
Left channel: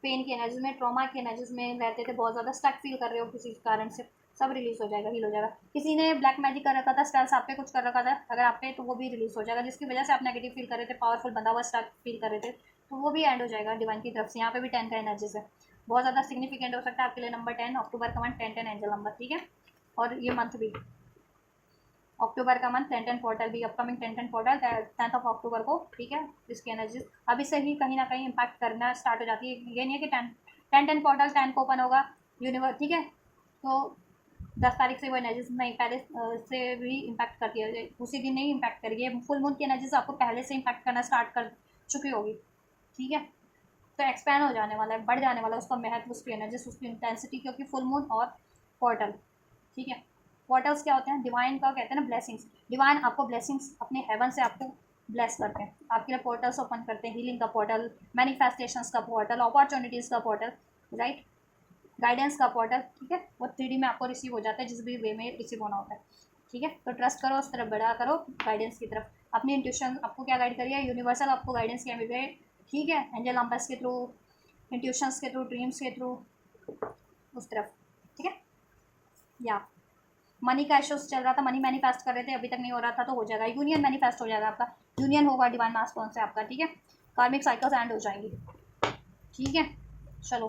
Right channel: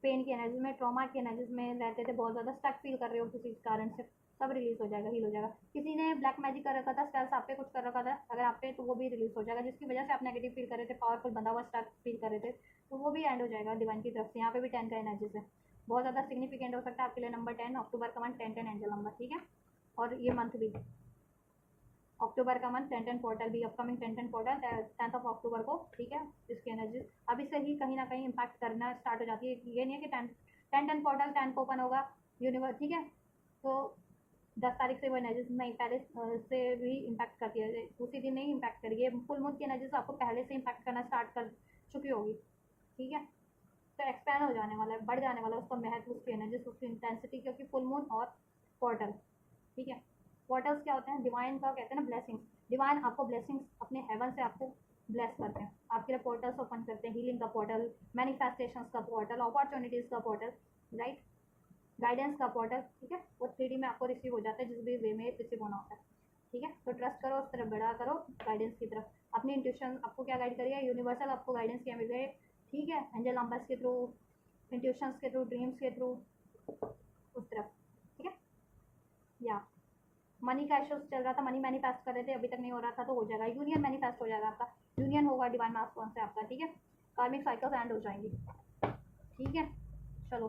पेन की एनर्जीज में, ट्रॉमा की एनर्जीज में रहते थे, बहुत ज़्यादा स्टक फील कर रहे हो किसी कारण से, सब रिलीज हो जाएगा, हील हो जाएगा. किसी ने ब्लैक मैजिक कर रखा था, स्पेल्स आप पे कुछ कर रखा था अगर आप पे, तो वो भी रिलीज हो जाएगा, जिसकी वजह से आप नेगेटिव फील कर रहे थे, पावरफुल बंधा हुआ स्टक फील कर रहे थे, तो वो भी एंड हो जाएगा डिवाइन की तरफ से. यहाँ पे भी 10 का एनर्जीज है, बहुत ज़्यादा सिग्निफिकेंट हो सकता है आपके लिए नंबर 10, अक्टूबर का मंथ 10 एंजल नंबर. ठीक है, और ये मंथ भी अक्टूबर का मंथ 10 पोर्टल भी, upcoming 10 portal 10th of October को. ठीक है, इसकी एनर्जीज अभी से ही कहीं ना कहीं इम्पैक्ट करना स्टार्ट हो जाती है. ये नहीं है कि 10 पोर्टल 10 को ओपन होगा यूनिवर्स. ठीक है, तो 10 तारीख से वो एनर्जीज नहीं, पहले से भी इम्पैक्ट करती है, उसी दिन नहीं इम्पैक्ट करेगी. फुल मून की एनर्जीज आपको पहले से इम्पैक्ट करना स्टार्ट कर चुकी होगी. ठीक है, तो एक्सपैंड हो जाने वाला है, बढ़ जाने वाला है उसका महत्व, उसकी एनर्जीज, उसकी इंटेंसिटी, क्योंकि फुल मून और पोर्टल. ठीक है, पोर्टल्स क्या होते हैं, डिवाइन का कहते हैं ना, ब्लेसिंग्स. डिवाइन आपको ब्लेसिंग्स अपने हेवन से आपको ब्लेस करते हैं, आपके लिए पोर्टल्स ओपन करते हैं, हीलिंग का पोर्टल, मैनिफेस्टेशंस का पोर्टल, अपॉर्चुनिटीज़ का पोर्टल, राइट, गाइडेंस का पोर्टल. ठीक है, वो 3D में आपको रिसीव हो जाता है, जिस भी वे में रिसीव होना होता है. ठीक है, तो ट्रस्ट करो, उस तरफ बढ़ा करो, गाइडेंस की तरफ. अपनी इंट्यूशन आपको क्या गाइड करिए, यूनिवर्सल आपको गाइडेंस क्या मिल रही है. ठीक है, एंजल नंबर्स के थ्रू, इंट्यूशंस के थ्रू, ड्रीम्स के थ्रू, उस तरफ. ठीक है, या मनी का इश्यूज चल रहा था, मनी मैनिफेस्ट कर रहे थे, अभी तक नहीं हो रहा था, तो हो जाएगा. यूनियन मैनिफेस्ट हो जाएगा आपका, यूनियन होगा डिवाइन मास्टर्न से आपका. ठीक है, कार्मिक साइकिल्स एंड हो जाएंगी. ठीक है, चलो,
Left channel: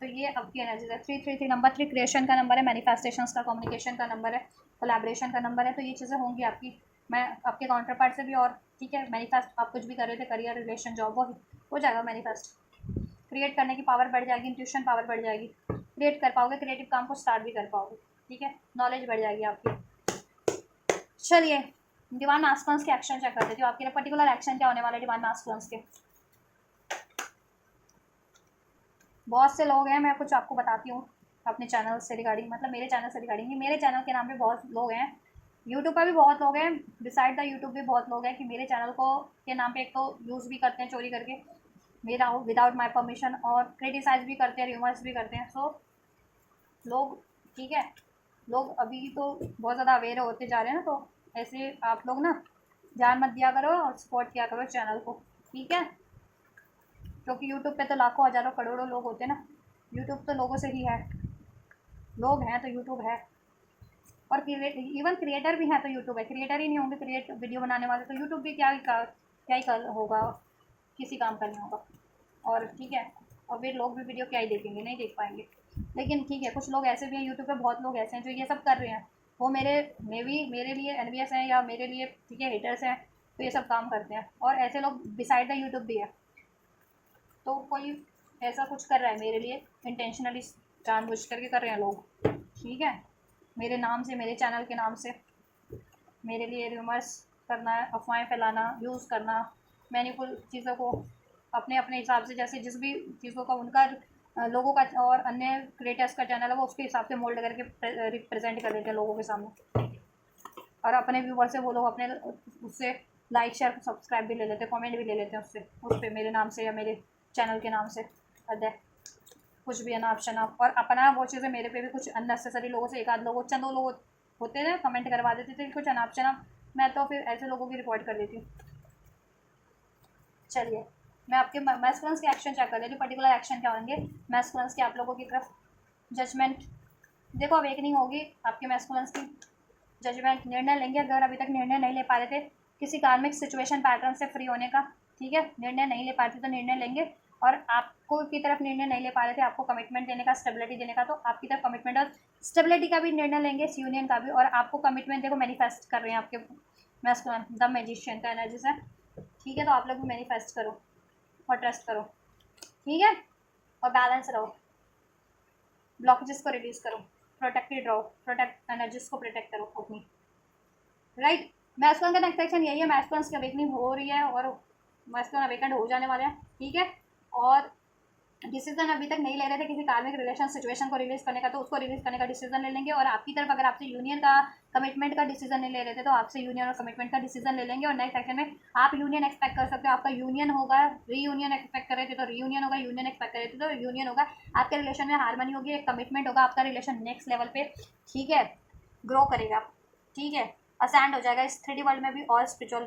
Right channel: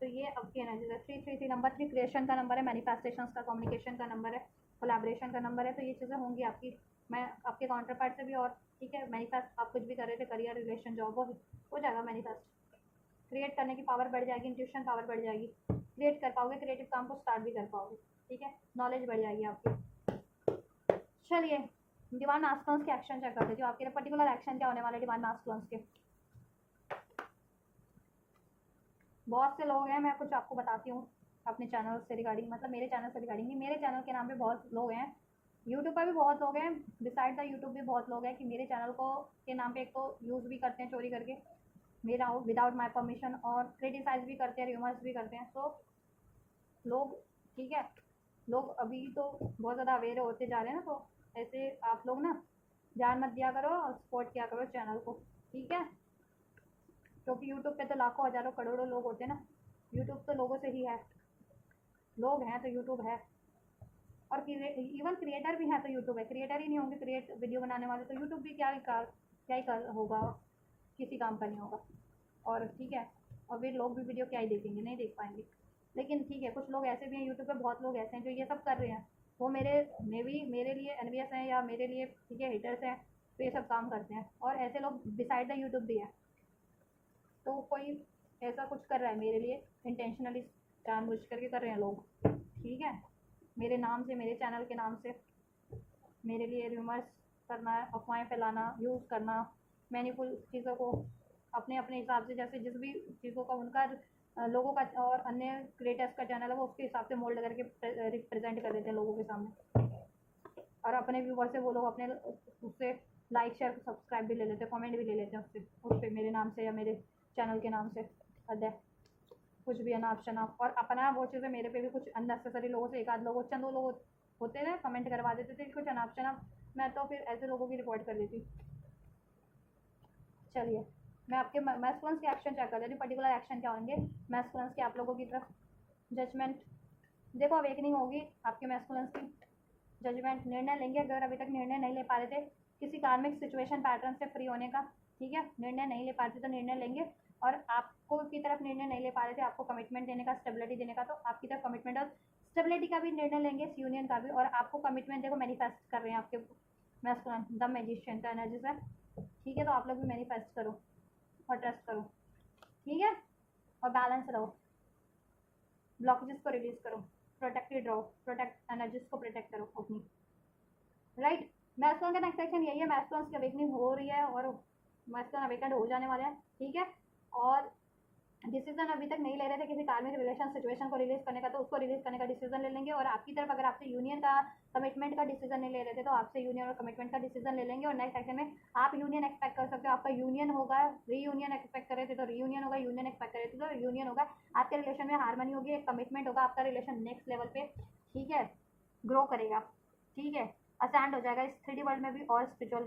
तो ये आपकी एनर्जी है. 333 नंबर 3 क्रिएशन का नंबर है, मैनिफेस्टेशंस का, कम्युनिकेशन का नंबर है, कोलैबोरेशन का नंबर है. तो ये चीज़ें होंगी आपकी, मैं आपके काउंटर पार्ट से भी. और ठीक है, मैनिफेस्ट आप कुछ भी कर रहे थे, करियर, रिलेशन, जॉब, वो हो जाएगा मैनिफेस्ट. क्रिएट करने की पावर बढ़ जाएगी, इंट्यूशन पावर बढ़ जाएगी, क्रिएट कर पाओगे, क्रिएटिव काम को स्टार्ट भी कर पाओगे. ठीक है, नॉलेज बढ़ जाएगी आपकी। चलिए डिवाइन मास्कुलिन्स के एक्शन चेक कर देती हूँ, आपके पर्टिकुलर एक्शन क्या होने वाले डिवाइन मास्कुलिन्स के। बहुत से लोग हैं, मैं कुछ आपको बताती हूँ अपने चैनल से रिगार्डिंग, मतलब मेरे चैनल से रिगार्डिंग, मेरे चैनल के नाम पे बहुत लोग हैं, यूट्यूब पर भी बहुत लोग हैं, डिसाइड द यूट्यूब भी बहुत लोग हैं कि मेरे चैनल को के नाम पे एक तो यूज़ भी करते हैं चोरी करके मेरा विदाउट माई परमिशन, और क्रिटिसाइज भी करते हैं, र्यूमर्स भी करते हैं। सो लोग, ठीक है, लोग अभी तो बहुत ज़्यादा अवेयर होते जा रहे हैं ना, तो ऐसे आप लोग ना ध्यान मत दिया करो और सपोर्ट किया करो चैनल को, ठीक है, क्योंकि यूट्यूब पे तो लाखों हज़ारों करोड़ों लोग होते हैं ना, यूट्यूब तो लोगों से ही है, लोग हैं तो यूट्यूब है, और इवन क्रिएटर भी हैं तो यूट्यूब है, क्रिएटर ही नहीं होंगे क्रिएट वीडियो बनाने वाले तो यूट्यूब भी क्या ही कर होगा, किसी काम का नहीं होगा। और ठीक है, और फिर लोग भी वीडियो क्या ही देखेंगे, नहीं देख पाएंगे। लेकिन ठीक है, कुछ लोग ऐसे भी हैं यूट्यूब पे, बहुत लोग ऐसे हैं जो ये सब कर रहे हैं, वो मेरे लिए एनवीएस हैं या मेरे लिए, ठीक है, हेटर्स हैं, तो ये सब काम करते हैं, और ऐसे लोग डिसाइड द यूट्यूब भी है। तो कोई ऐसा कुछ कर रहा है मेरे लिए इंटेंशनली, जानबूझ करके कर रहे हैं लोग, ठीक है, मेरे नाम से, मेरे चैनल के नाम से मेरे लिए रूमर्स करना, अफवाहें फैलाना, यूज़ करना, मैनिपुल चीज़ों को अपने अपने हिसाब से, जैसे जिस भी चीज़ों का उनका लोगों का और अन्य क्रिएटर्स का चैनल है वो उसके हिसाब से मोल्ड करके रिप्रेजेंट कर देते हैं लोगों के सामने, और अपने व्यूवर से वो लोग अपने उससे लाइक शेयर सब्सक्राइब भी ले लेते हैं, कमेंट भी ले लेते हैं उससे, उस पर मेरे नाम से या मेरे चैनल के नाम से, अदय कुछ भी अनाप शनाप, और अपना वो चीज़ें मेरे पे भी कुछ अननेसेसरी लोगों से, एक आध लोगों चंदो लोग होते थे कमेंट करवा देते थे कुछ अनाप शनाप, मैं तो फिर ऐसे लोगों की रिपोर्ट कर देती हूँ। चलिए मैं आपके मैस्कुलिन्स के एक्शन चेक कर लेती हूँ, पर्टिकुलर एक्शन क्या होंगे मैस्कुलिन्स के आप लोगों की तरफ। जजमेंट, देखो अवेकनिंग होगी आपके मैस्कुलिन्स की, जजमेंट निर्णय लेंगे, अगर अभी तक निर्णय नहीं ले पा रहे थे किसी कार्मिक सिचुएशन पैटर्न से फ्री होने का, ठीक है, निर्णय नहीं ले पा रहे थे तो निर्णय लेंगे, और आपको की तरफ निर्णय नहीं ले पा रहे थे आपको कमिटमेंट देने का, स्टेबिलिटी देने का, तो आपकी तरफ कमिटमेंट और स्टेबिलिटी का भी निर्णय लेंगे, इस यूनियन का भी, और आपको कमिटमेंट देखो मैनिफेस्ट कर रहे हैं आपके मैस्कुलिन, द मैजिशियन का एनर्जी से, ठीक है, तो आप लोग भी मैनिफेस्ट करो और ट्रस्ट करो, ठीक है, और बैलेंस रहो, ब्लॉकेजेस को रिड्यूस करो, प्रोटेक्टेड रहो, प्रोटेक्ट एनर्जीज को प्रोटेक्ट करो अपनी, राइट। मैस्कुलिन का नेक्स्ट सेक्शन यही है, मैस्कुलिन की अवेकनिंग हो रही है और मैस्कुलिन अवेकेंड हो जाने वाले हैं, ठीक है, और डिसीजन अभी तक नहीं ले रहे थे किसी कार्मिक रिलेशन सिचुएशन को रिलीज करने का, तो उसको रिलीज करने का डिसीजन ले लेंगे, और आपकी तरफ अगर आपसे यूनियन का कमिटमेंट का डिसीजन नहीं ले रहे थे तो आपसे यूनियन और कमिटमेंट का डिसीजन ले लेंगे, और नेक्स्ट सेक्शन में आप यूनियन एक्सपेक्ट कर सकते हो, आपका यूनियन होगा, रीयूनियन एक्सपेक्ट कर रहे थे तो रीयूनियन होगा, यूनियन एक्सपेक्ट कर रहे थे तो यूनियन होगा, आपके रिलेशन में हारमनी होगी, एक कमिटमेंट होगा, आपका रिलेशन नेक्स्ट लेवल पे, ठीक है, ग्रो करेगा, ठीक है, असेंड हो जाएगा इस 3D वर्ल्ड में भी और स्पिरिचुअल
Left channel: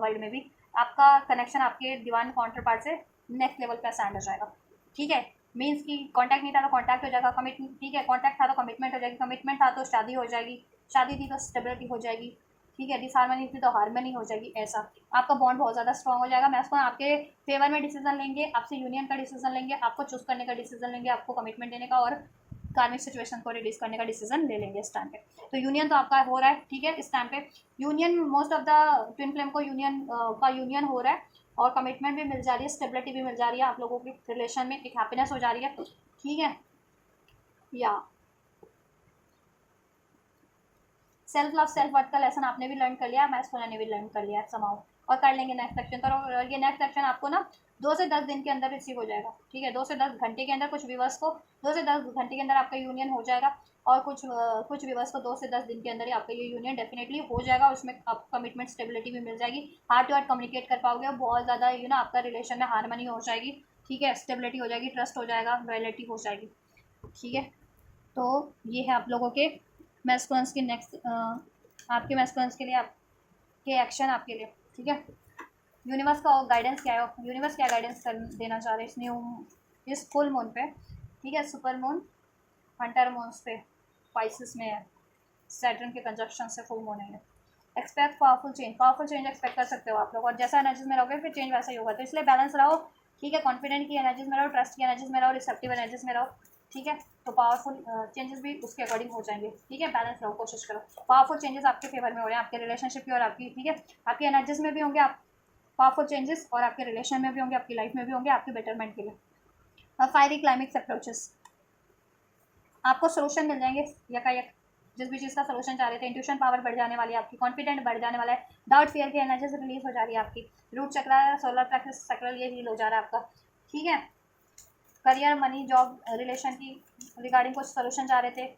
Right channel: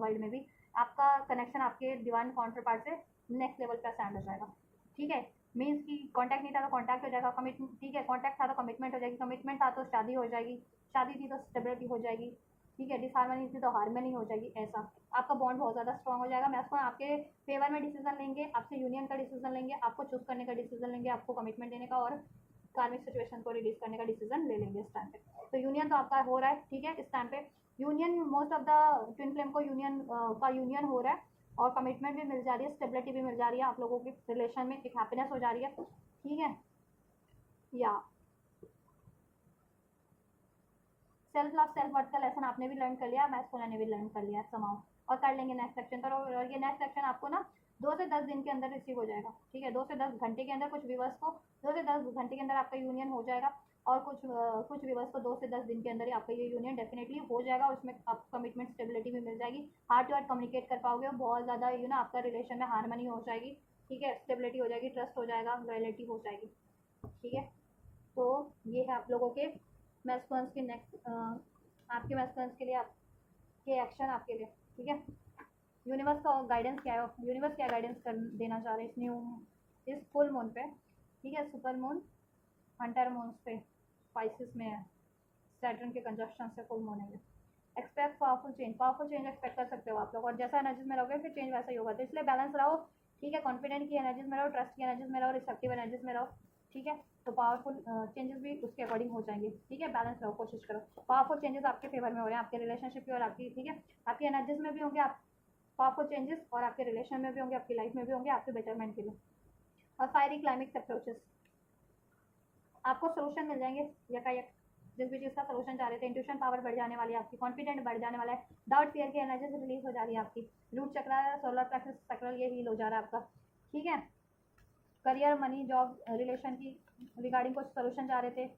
वर्ल्ड में भी, आपका कनेक्शन आपके डिवाइन काउंटर पार्ट से नेक्स्ट लेवल पे असेंड हो जाएगा, ठीक है, मीन्स कि कॉन्टैक्ट नहीं था तो कॉन्टैक्ट हो जाएगा, कमिटमेंट, ठीक है, कॉन्टैक्ट था तो कमिटमेंट हो जाएगी, कमिटमेंट था तो शादी हो जाएगी, शादी थी तो स्टेबिलिटी हो जाएगी, ठीक है, डिसहार्मनी थी तो हार्मनी हो जाएगी, ऐसा आपका बॉन्ड बहुत ज़्यादा स्ट्रॉन्ग हो जाएगा। मैं उसको आपके फेवर में डिसीजन लेंगे, आपसे यूनियन का डिसीजन लेंगे, आपको चूज करने का डिसीजन लेंगे, आपको कमिटमेंट देने का और कार्मिक सिचुएशन को रिलीज करने का डिसीजन ले लेंगे इस टाइम पे। तो यूनियन तो आपका हो रहा है, ठीक है, इस टाइम पे union most of the twin flame को यूनियन का यूनियन हो रहा है, और कमिटमेंट भी मिल जा रही है, स्टेबिलिटी भी मिल जा रही है, आप लोगों के रिलेशन में एक हैप्पीनेस हो जा रही है, ठीक है, या सेल्फ लव सेल्फ वर्थ का लेसन आपने भी लर्न कर लिया, मैस्कुलिन ने भी लर्न कर लिया समाउ, और कर लेंगे नेक्स्ट सेक्शन। तो ये नेक्स्ट सेक्शन आपको ना 2 से 10 दिन के अंदर रिसीव हो जाएगा, ठीक है, 2 से 10 घंटे के अंदर, कुछ व्यूवर्स को 2 से 10 घंटे के अंदर आपका यूनियन हो जाएगा, और कुछ व्यूवर्स को 2 से 10 दिन के अंदर ही आपका ये यूनियन डेफिनेटली हो जाएगा, उसमें आपको कमिटमेंट स्टेबिलिटी भी मिल जाएगी, हार्ट टू हार्ट कम्युनिकेट कर पाओगे, और बहुत ज़्यादा आपका रिलेशन में हारमनी हो जाएगी, ठीक है, स्टेबिलिटी हो जाएगी, ट्रस्ट हो जाएगा, लॉयल्टी हो जाएगी, ठीक है। तो ये है आप लोगों के मैस्कुलिन्स की नेक्स्ट आपके मैस्कुलिन्स के लिए आपके एक्शन आपके लिए, ठीक है। यूनिवर्स का गाइडेंस क्या है, यूनिवर्स क्या गाइडेंस कर देना चाह रहे हैं इस फुल मून पे, ठीक है, सुपर मून हंटर मून्स पे पाइसिस में है, सैटर्न के कंजक्शन से फुल मून है, एक्सपेक्ट पावरफुल चेंज एक्सपेक्ट कर सकते हो आप लोग, और जैसा एनर्जीज में रहोगे फिर चेंज वैसा ही होगा, तो इसलिए बैलेंस रहो, ठीक है, कॉन्फिडेंट की एनर्जीज में रहो, ट्रस्ट की एनर्जीज में रहो, रिसेप्टिव एनर्जीज में रहो, ठीक है, तो पावरफुल चेंजेस भी उसके अकॉर्डिंग हो जाएंगे, ठीक है, बैलेंस रहो, कोशिश करो, पावरफुल चेंजेस आपके फेवर में हो रहे हैं, आपके रिलेशनशिप की और आपकी, ठीक है, आपकी एनर्जीज में भी होंगे आप पावरफुल चेंजेस, और आपके रिलेशन में भी होंगे, आपकी लाइफ में भी होंगे, आपके बेटरमेंट के लिए। और फायरी क्लाइमेक्स अप्रोचेस, आपको सोल्यूशन मिल जाएंगे यकायक, जिस भी चीज़ का सोल्यूशन चाह रहे थे, इंट्यूशन पावर बढ़ जाने वाली है आपकी, कॉन्फिडेंट बढ़ जाने वाला है, डाउट फियर की एनर्जी रिलीज हो जा रही है आपकी, रूट चक्र, सोलर प्लेक्सस चक्र ये हील हो जा रहा है आपका। ठीक है, करियर, मनी, जॉब, रिलेशन की रिगार्डिंग कुछ सोल्यूशन चाह रहे थे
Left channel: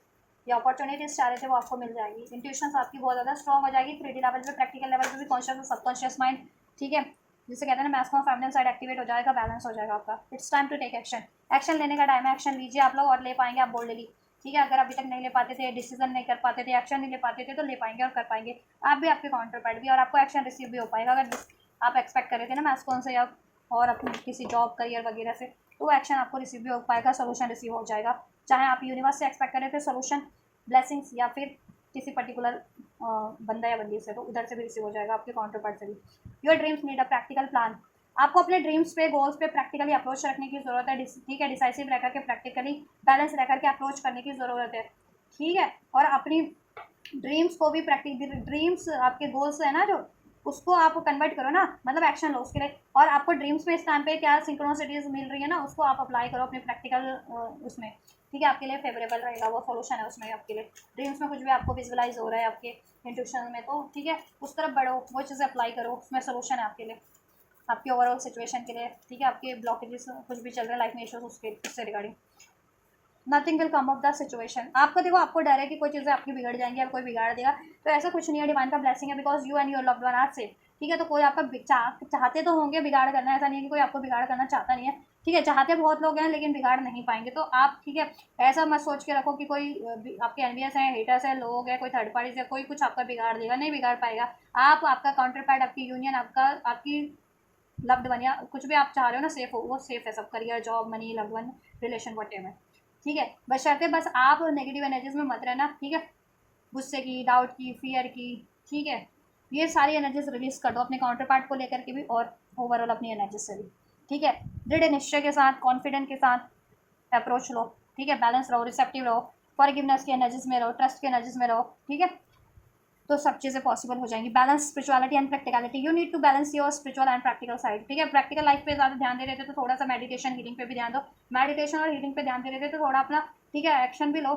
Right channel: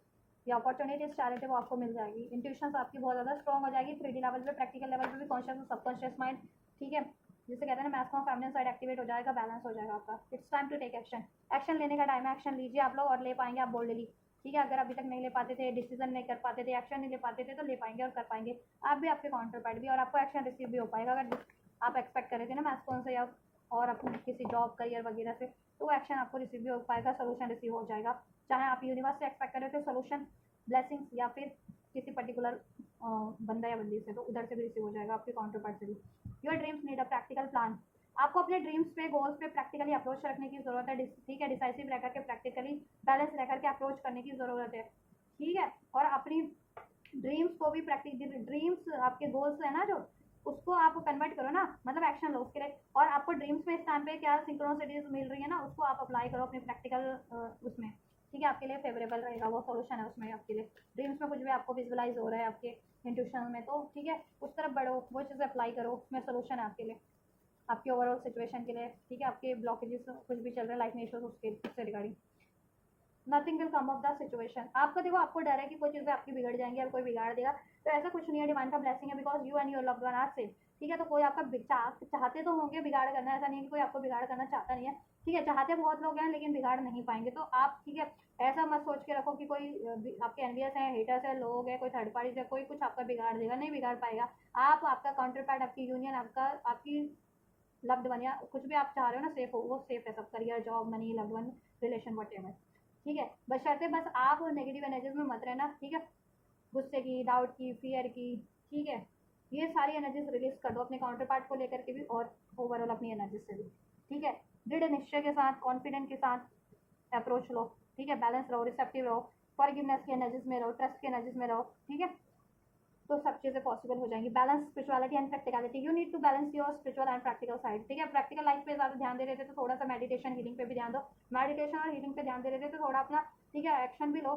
या अपॉर्चुनिटीज चाह रहे थे, वो आपको मिल जाएगी। इंट्यूशन आपकी बहुत ज़्यादा स्ट्रॉग हो जाएगी, 3D लेवल पे, प्रैक्टिकल लेवल पे भी, कॉन्शियस और सबकॉन्शियस माइंड। ठीक है, जिसे कहते हैं ना मैस्कुलिन फेमिनिन साइड एक्टिवेट हो जाएगा, बैलेंस हो जाएगा आपका। It's time to take action, action लेने का टाइम है, एक्शन लीजिए आप लोग और ले पाएंगे आप बोल्डली। ठीक है, अगर अभी तक नहीं ले पाते थे, डिसीजन नहीं कर पाते थे, एक्शन नहीं ले पाते थे, तो ले पाएंगे और कर पाएंगे आप भी, आपके काउंटर पार्ट भी, और आपको एक्शन रिसीव भी हो पाएगा। अगर आप एक्सपेक्ट कर रहे थे ना मैस्कुलिन से या और अपनी किसी जॉब करियर वगैरह से, तो वो एक्शन आपको रिसीव भी हो पाएगा, सोल्यूशन रिसीव हो जाएगा। चाहे आप यूनिवर्स से एक्सपेक्ट कर रहे थे सोल्यूशन, ब्लेसिंग्स, या फिर किसी पर्टिकुलर बंदा या बंदी से, तो उधर से भी रिसीव हो जाएगा, आपके काउंटर पार्ट से भी। Your dreams need a practical plan, आपको अपने ड्रीम्स पे, गोल्स पे प्रैक्टिकली अप्रोच रखने की ज़रूरत है। ठीक है, डिसाइसिव रहकर के, प्रैक्टिकली बैलेंस रहकर के अप्रोच करने की ज़रूरत है। ठीक है, और अपनी ड्रीम्स को भी ड्रीम्स आपके गोल्स है ना जो, उसको आप कन्वर्ट करो ना, मतलब एक्शन लो उसके लिए। और आपको ड्रीम्स में इस टाइम पे क्या सिंक्रोनिसिटीज मिल रही है ना, उसको आप अप्लाई करो अपने प्रैक्टिकल उसमें। ठीक है, आपके लिए फेवरेबल रहेगा, वो सोल्यूशन है उसमें आपके लिए। ड्रीम्स में कुछ भी आपको विजुअलाइज हो रहा है आपके इंट्यूशन में, तो ठीक है, उस तरफ बढ़ो, वो चीज़ें अप्लाई करो, उसमें सोल्यूशन है आपके लिए, आपके ओवरऑल सिचुएशन के लिए। ठीक है, आपके ब्लॉकेजेस कुछ भी चल रहे हैं लाइफ में, इश्यूज, उससे regarding nothing will come of the situation. आपको देखो, आपको डर है कि कोई चीज़ें आपकी बिगड़ जाएंगी या कोई बिगाड़ देगा, तो ऐसा कुछ नहीं है, डिवाइन का ब्लेसिंग है, because you and your loved one are safe. ठीक है, तो कोई आपका चाहते तो होंगे बिगाड़ करना, ऐसा नहीं है कि कोई आपको बिगाड़ करना चाहता नहीं है। ठीक है, चाहते बहुत लोग हैं लेकिन बिगाड़ नहीं पाएंगे, तो आप ठीक है, ऐसा मत सोच के रखो कि कोई आपके एनवियस हैं, हेटर्स हैं, लोग हैं, कोई थर्ड पार्टी है, कोई कुछ आपका बिगाड़ देगा, नहीं बिगाड़ पाएगा। आप, आपका काउंटर पार्ट, आपकी यूनियन, आपका, आपकी लव्ड वन, या कुछ भी आप चाह रहे हो ना सेफ हो, वो सेफ है सब, career, job, money, loved one, relation, whatever. ठीक है, बशर्ते बस आप नेगेटिव एनर्जीज में मत रहना। ठीक है, गुस्से की, डाउट की, फियर की। ठीक है, ये सारी एनर्जीज रिलीज कर दो अपने काउंटर पार्ट को लेकर के भी, और ओवरऑल अपनी एनर्जीज से भी। ठीक है, दृढ़ निश्चय के साथ, कॉन्फिडेंट के साथ अप्रोच लो। ठीक है, बैलेंस रहो, रिसेप्टिव रहो, फॉरगिवनेस की एनर्जीज में रहो, ट्रस्ट की एनर्जीज में रहो। ठीक है, तो सब चीज़ें पॉसिबल हो जाएंगी। Balance spirituality and practicality, you need to balance your spiritual and practical side. ठीक है, प्रैक्टिकल लाइफ पे ज़्यादा ध्यान दे रहे थे तो थोड़ा सा मेडिटेशन, हीलिंग पे भी ध्यान दो। मेडिटेशन और हीलिंग पे ध्यान दे रहे थे तो थोड़ा अपना, ठीक है, एक्शन भी लो।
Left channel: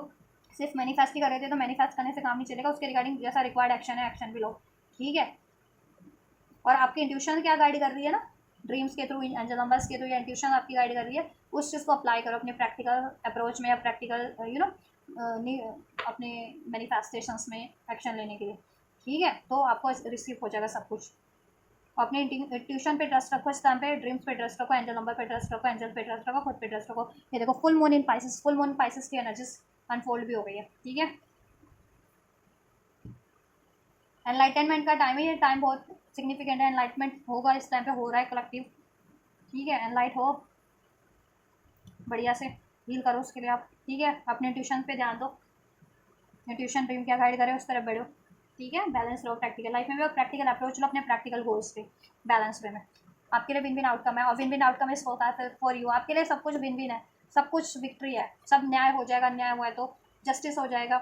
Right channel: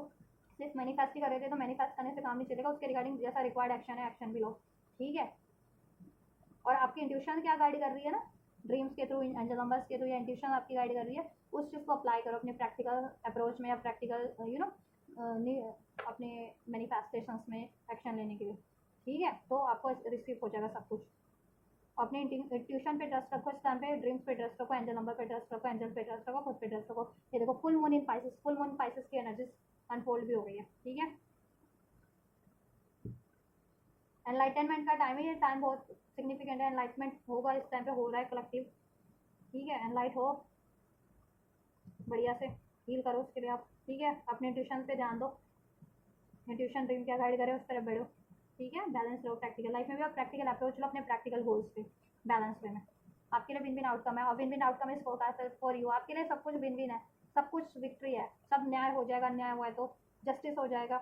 सिर्फ मैनिफेस्ट ही कर रहे थे तो मैनिफेस्ट करने से काम नहीं चलेगा, उसके रिगार्डिंग जैसा रिक्वायर्ड एक्शन है, एक्शन भी लो। ठीक है, और आपकी इंट्यूशन क्या गाइड कर रही है ना, ड्रीम्स के थ्रू, एंजल नंबर्स के थ्रू, या इंट्यूशन आपकी गाइड कर रही है, उस चीज़ को अप्लाई करो अपने प्रैक्टिकल अप्रोच में, या प्रैक्टिकल अपने मैनिफेस्टेशंस में एक्शन लेने के लिए। ठीक है, तो आपको रिसीव हो जाएगा सब कुछ। अपने इंट्यूशन पे ट्रस्ट रखो, इस टाइम पे ड्रीम्स पे ट्रस्ट रखो, एंजल नंबर पे ट्रस्ट रखो, एंजल पे ट्रस्ट रखो, खुद पे ट्रस्ट रखो। ये देखो, फुल मून इन पाइसेस, फुल मून पाइसेस की एनर्जीज अनफोल्ड भी हो गई है। ठीक है, एनलाइटनमेंट का टाइम है, ये टाइम बहुत सिग्निफिकेंट है, एनलाइटमेंट होगा इस टाइम पे, हो रहा है कलेक्टिव। ठीक है, एनलाइट हो, बढ़िया से हील करो उसके लिए आप। ठीक है, अपने ट्यूशन पे ध्यान दो, ट्यूशन ड्रीम क्या गाइड करे उस तरफ बढ़ो। ठीक है, बैलेंस लो प्रैक्टिकल लाइफ में भी, और प्रैक्टिकल अप्रोच लो अपने प्रैक्टिकल गोल्स पे, बैलेंस वे में। आपके लिए विन विन आउटकम है, और विन विन आउटकम इस होता है फॉर यू, आपके लिए सब कुछ विन विन है, सब कुछ विक्ट्री है, सब न्याय हो जाएगा, अन्याय हुआ है तो जस्टिस हो जाएगा।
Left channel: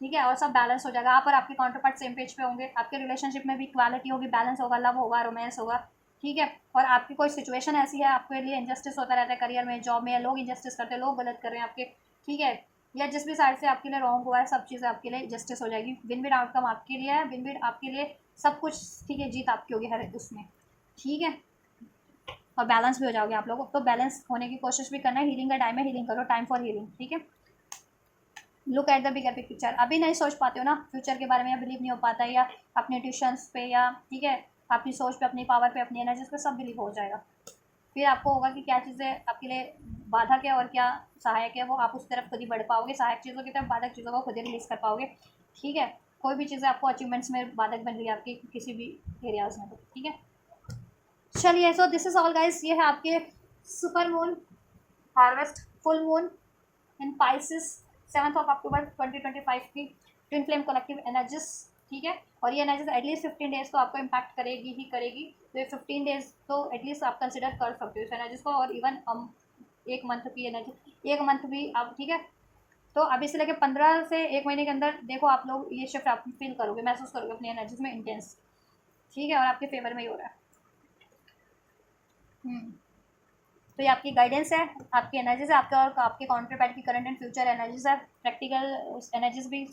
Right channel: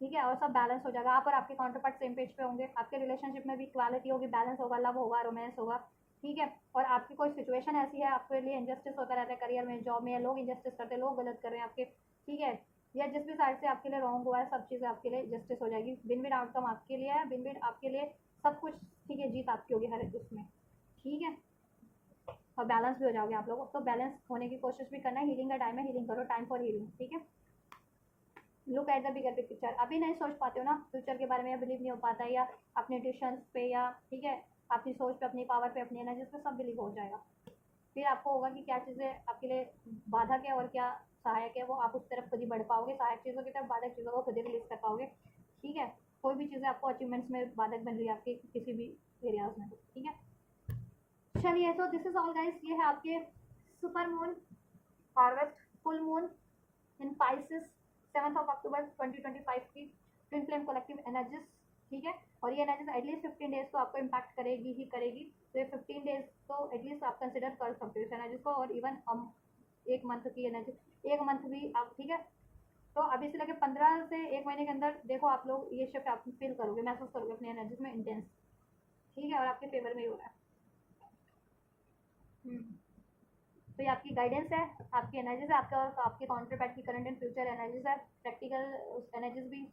ठीक है, और सब बैलेंस हो जाएगा, आप और आपके काउंटर पार्ट सेम पेज पे होंगे, आपके रिलेशनशिप में भी इक्वालिटी होगी, बैलेंस होगा, लव होगा, रोमांस होगा। ठीक है, और आपकी कोई सिचुएशन ऐसी है, आपके लिए इनजस्टिस होता रहता है, करियर में, जॉब में, लोग इनजस्टिस करते हैं, लोग गलत कर रहे हैं आपके। ठीक है, या जिस भी साइड से आपके लिए रॉन्ग हुआ है, सब चीज़ें आपके लिए जस्टिस हो जाएगी, विन विन आउटकम आपके लिए है, विन विन आपके लिए सब कुछ। ठीक है, जीत आपकी होगी हर उसमें। ठीक है, और बैलेंस भी हो जाओगे आप लोग, तो बैलेंस होने की कोशिश भी करना है, हीलिंग का टाइम है, हीलिंग करो, टाइम फॉर हीलिंग। ठीक है, look at the bigger picture, अभी नहीं सोच पाते हो ना फ्यूचर के बारे में, या बिलीव नहीं हो पाता है, या अपने ट्यूशंस पे, या ठीक है अपनी सोच पे, अपनी पावर पे, अपनी एनर्जीज पे, सब बिलीव हो जाएगा। फिर आपको होगा कि क्या चीज़ें आपके लिए बाधक है और क्या सहायक है, वो आप उस तरफ खुद ही बढ़ पाओगे, सहायक चीज़ों की तरफ, बाधक चीज़ों को खुद ही रिलीज कर पाओगे। ठीक है, कोई भी चीज़ें आपको अचीवमेंट्स में बाधक बन रही है आपके किसी भी एरियाज में, तो ठीक है। चलिए, so this is all guys, ये है आपके super moon, harvest, full moon इन पाइसिस, 7 अक्टूबर 2025 की ट्विन फ्लेम कलेक्टिव एनर्जीज। ठीक है, और ये एनर्जीज एटलीस्ट 15 डेज तो आपको इम्पैक्ट करेगी ही करेगी, तो ये 15 डेज तो एटलीस्ट आप कंसिडर कर सकते हो इस एनर्जीज को, और इवन एक मंथ की एनर्जी, एक मंथ भी आप। ठीक है, तो अभी से लेकर 15 से एक महीने के अंदर देखो आप लोग ये शिफ्ट आप फील करोगे, महसूस करोगे अपनी एनर्जीज में इंटेंस। ठीक है, और आपके फेवर में ही हो रहा है। तो ये आपकी गाइडेंस है, आपकी एनर्जीज है, आपका और आपके काउंटर पार्ट की करंट एंड फ्यूचर एनर्जीज है, प्रैक्टिकल एनर्जीज भी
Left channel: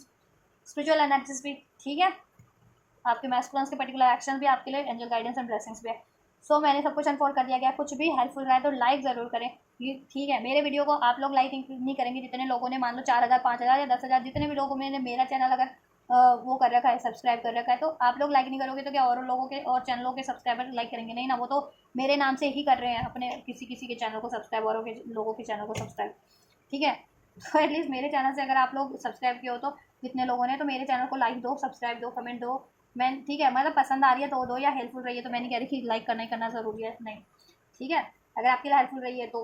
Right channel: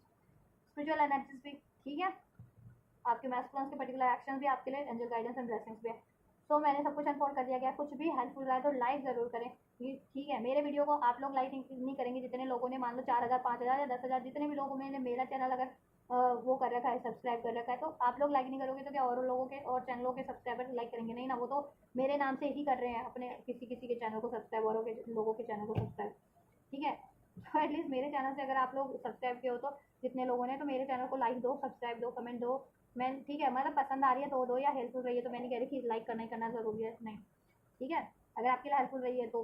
स्पिरिचुअल एनर्जीज भी, ठीक है, आपके मैस्कुलिन्स के पर्टिकुलर एक्शन भी आपके लिए एंजल गाइडेंस एंड ब्लेसिंग्स भी है। सो मैंने सब कुछ अनफोल्ड कर दिया गया। कुछ भी हेल्पफुल रहा है तो लाइक ज़रूर करें, ठीक है। मेरे वीडियो को आप लोग लाइक नहीं करेंगे जितने लोगों ने, मान लो 4,000 5,000 या 10,000 जितने भी लोगों ने मेरा चैनल अगर वो कर रखा है, सब्सक्राइब कर रखा है, तो आप लोग लाइक नहीं करोगे तो क्या और लोगों के और चैनलों के सब्सक्राइबर लाइक करेंगे? नहीं ना, वो तो मेरे नाम से ही कर रहे हैं अपने किसी किसी के चैनल को सब्सक्राइब, औरों के लोगों के चैनल को सब्सक्राइब, ठीक है। तो एटलीस्ट मेरे चैनल से अगर आप लोग सब्सक्राइब किए हो तो जितने लोगों ने, तो मेरे चैनल को लाइक दो, सब्सक्राइब दो, कमेंट दो। मैं ठीक है, मतलब पसंद आ रही है तो दो, या हेल्पफुल रही है तो मैं नहीं कह रही कि लाइक करना ही करना ज़रूरी है, नहीं, ठीक है। अगर आपके लिए हेल्पफुल रही है तो,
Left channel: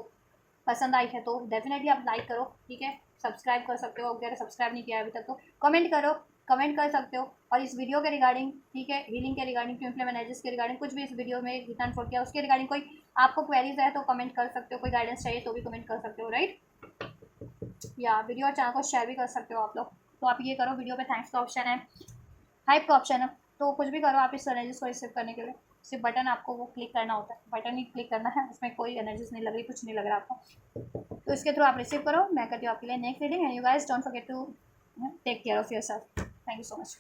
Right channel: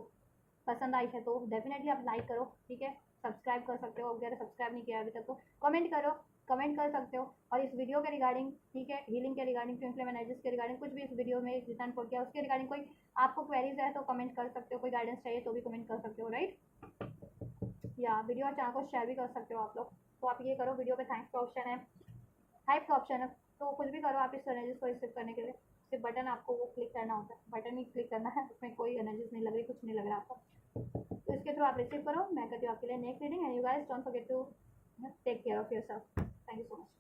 पसंद आई है तो डेफिनेटली आप लाइक करो, ठीक है। सब्सक्राइब कर सकते हो, अगर सब्सक्राइब नहीं किया है अभी तक तो कमेंट करो, कमेंट कर सकते हो। और इस वीडियो के रिगार्डिंग, ठीक है, हीलिंग के रिगार्डिंग, ट्विन फ्लेम एनर्जीज के रिगार्डिंग, कुछ भी इस वीडियो में रिटर्न फोड़ किया उसके रिगार्डिंग कोई आपको क्वेरीज है तो कमेंट कर सकते हो, कोई गाइडेंस चाहिए तो भी कमेंट कर सकते हो, राइट। या वीडियो और चैनल को शेयर भी कर सकते हो आप लोग। तो आप ये करो, वीडियो पे थैंक्स का ऑप्शन है, हाइप का ऑप्शन है, तो कुछ भी करो आप इस एनर्जीज को रिसीव करने के लिए। सिर्फ बटन आपको वो क्लिक करना होता है, बटन ही क्लिक करना है, उसमें कोई एनर्जीज नहीं लग रही, कुछ नहीं लग रहा आपको। तो इसके थ्रू आप रिसीव करो, मैं करती हूँ आपके लिए next reading. And you guys don't forget to take care of yourself. Thank you so much.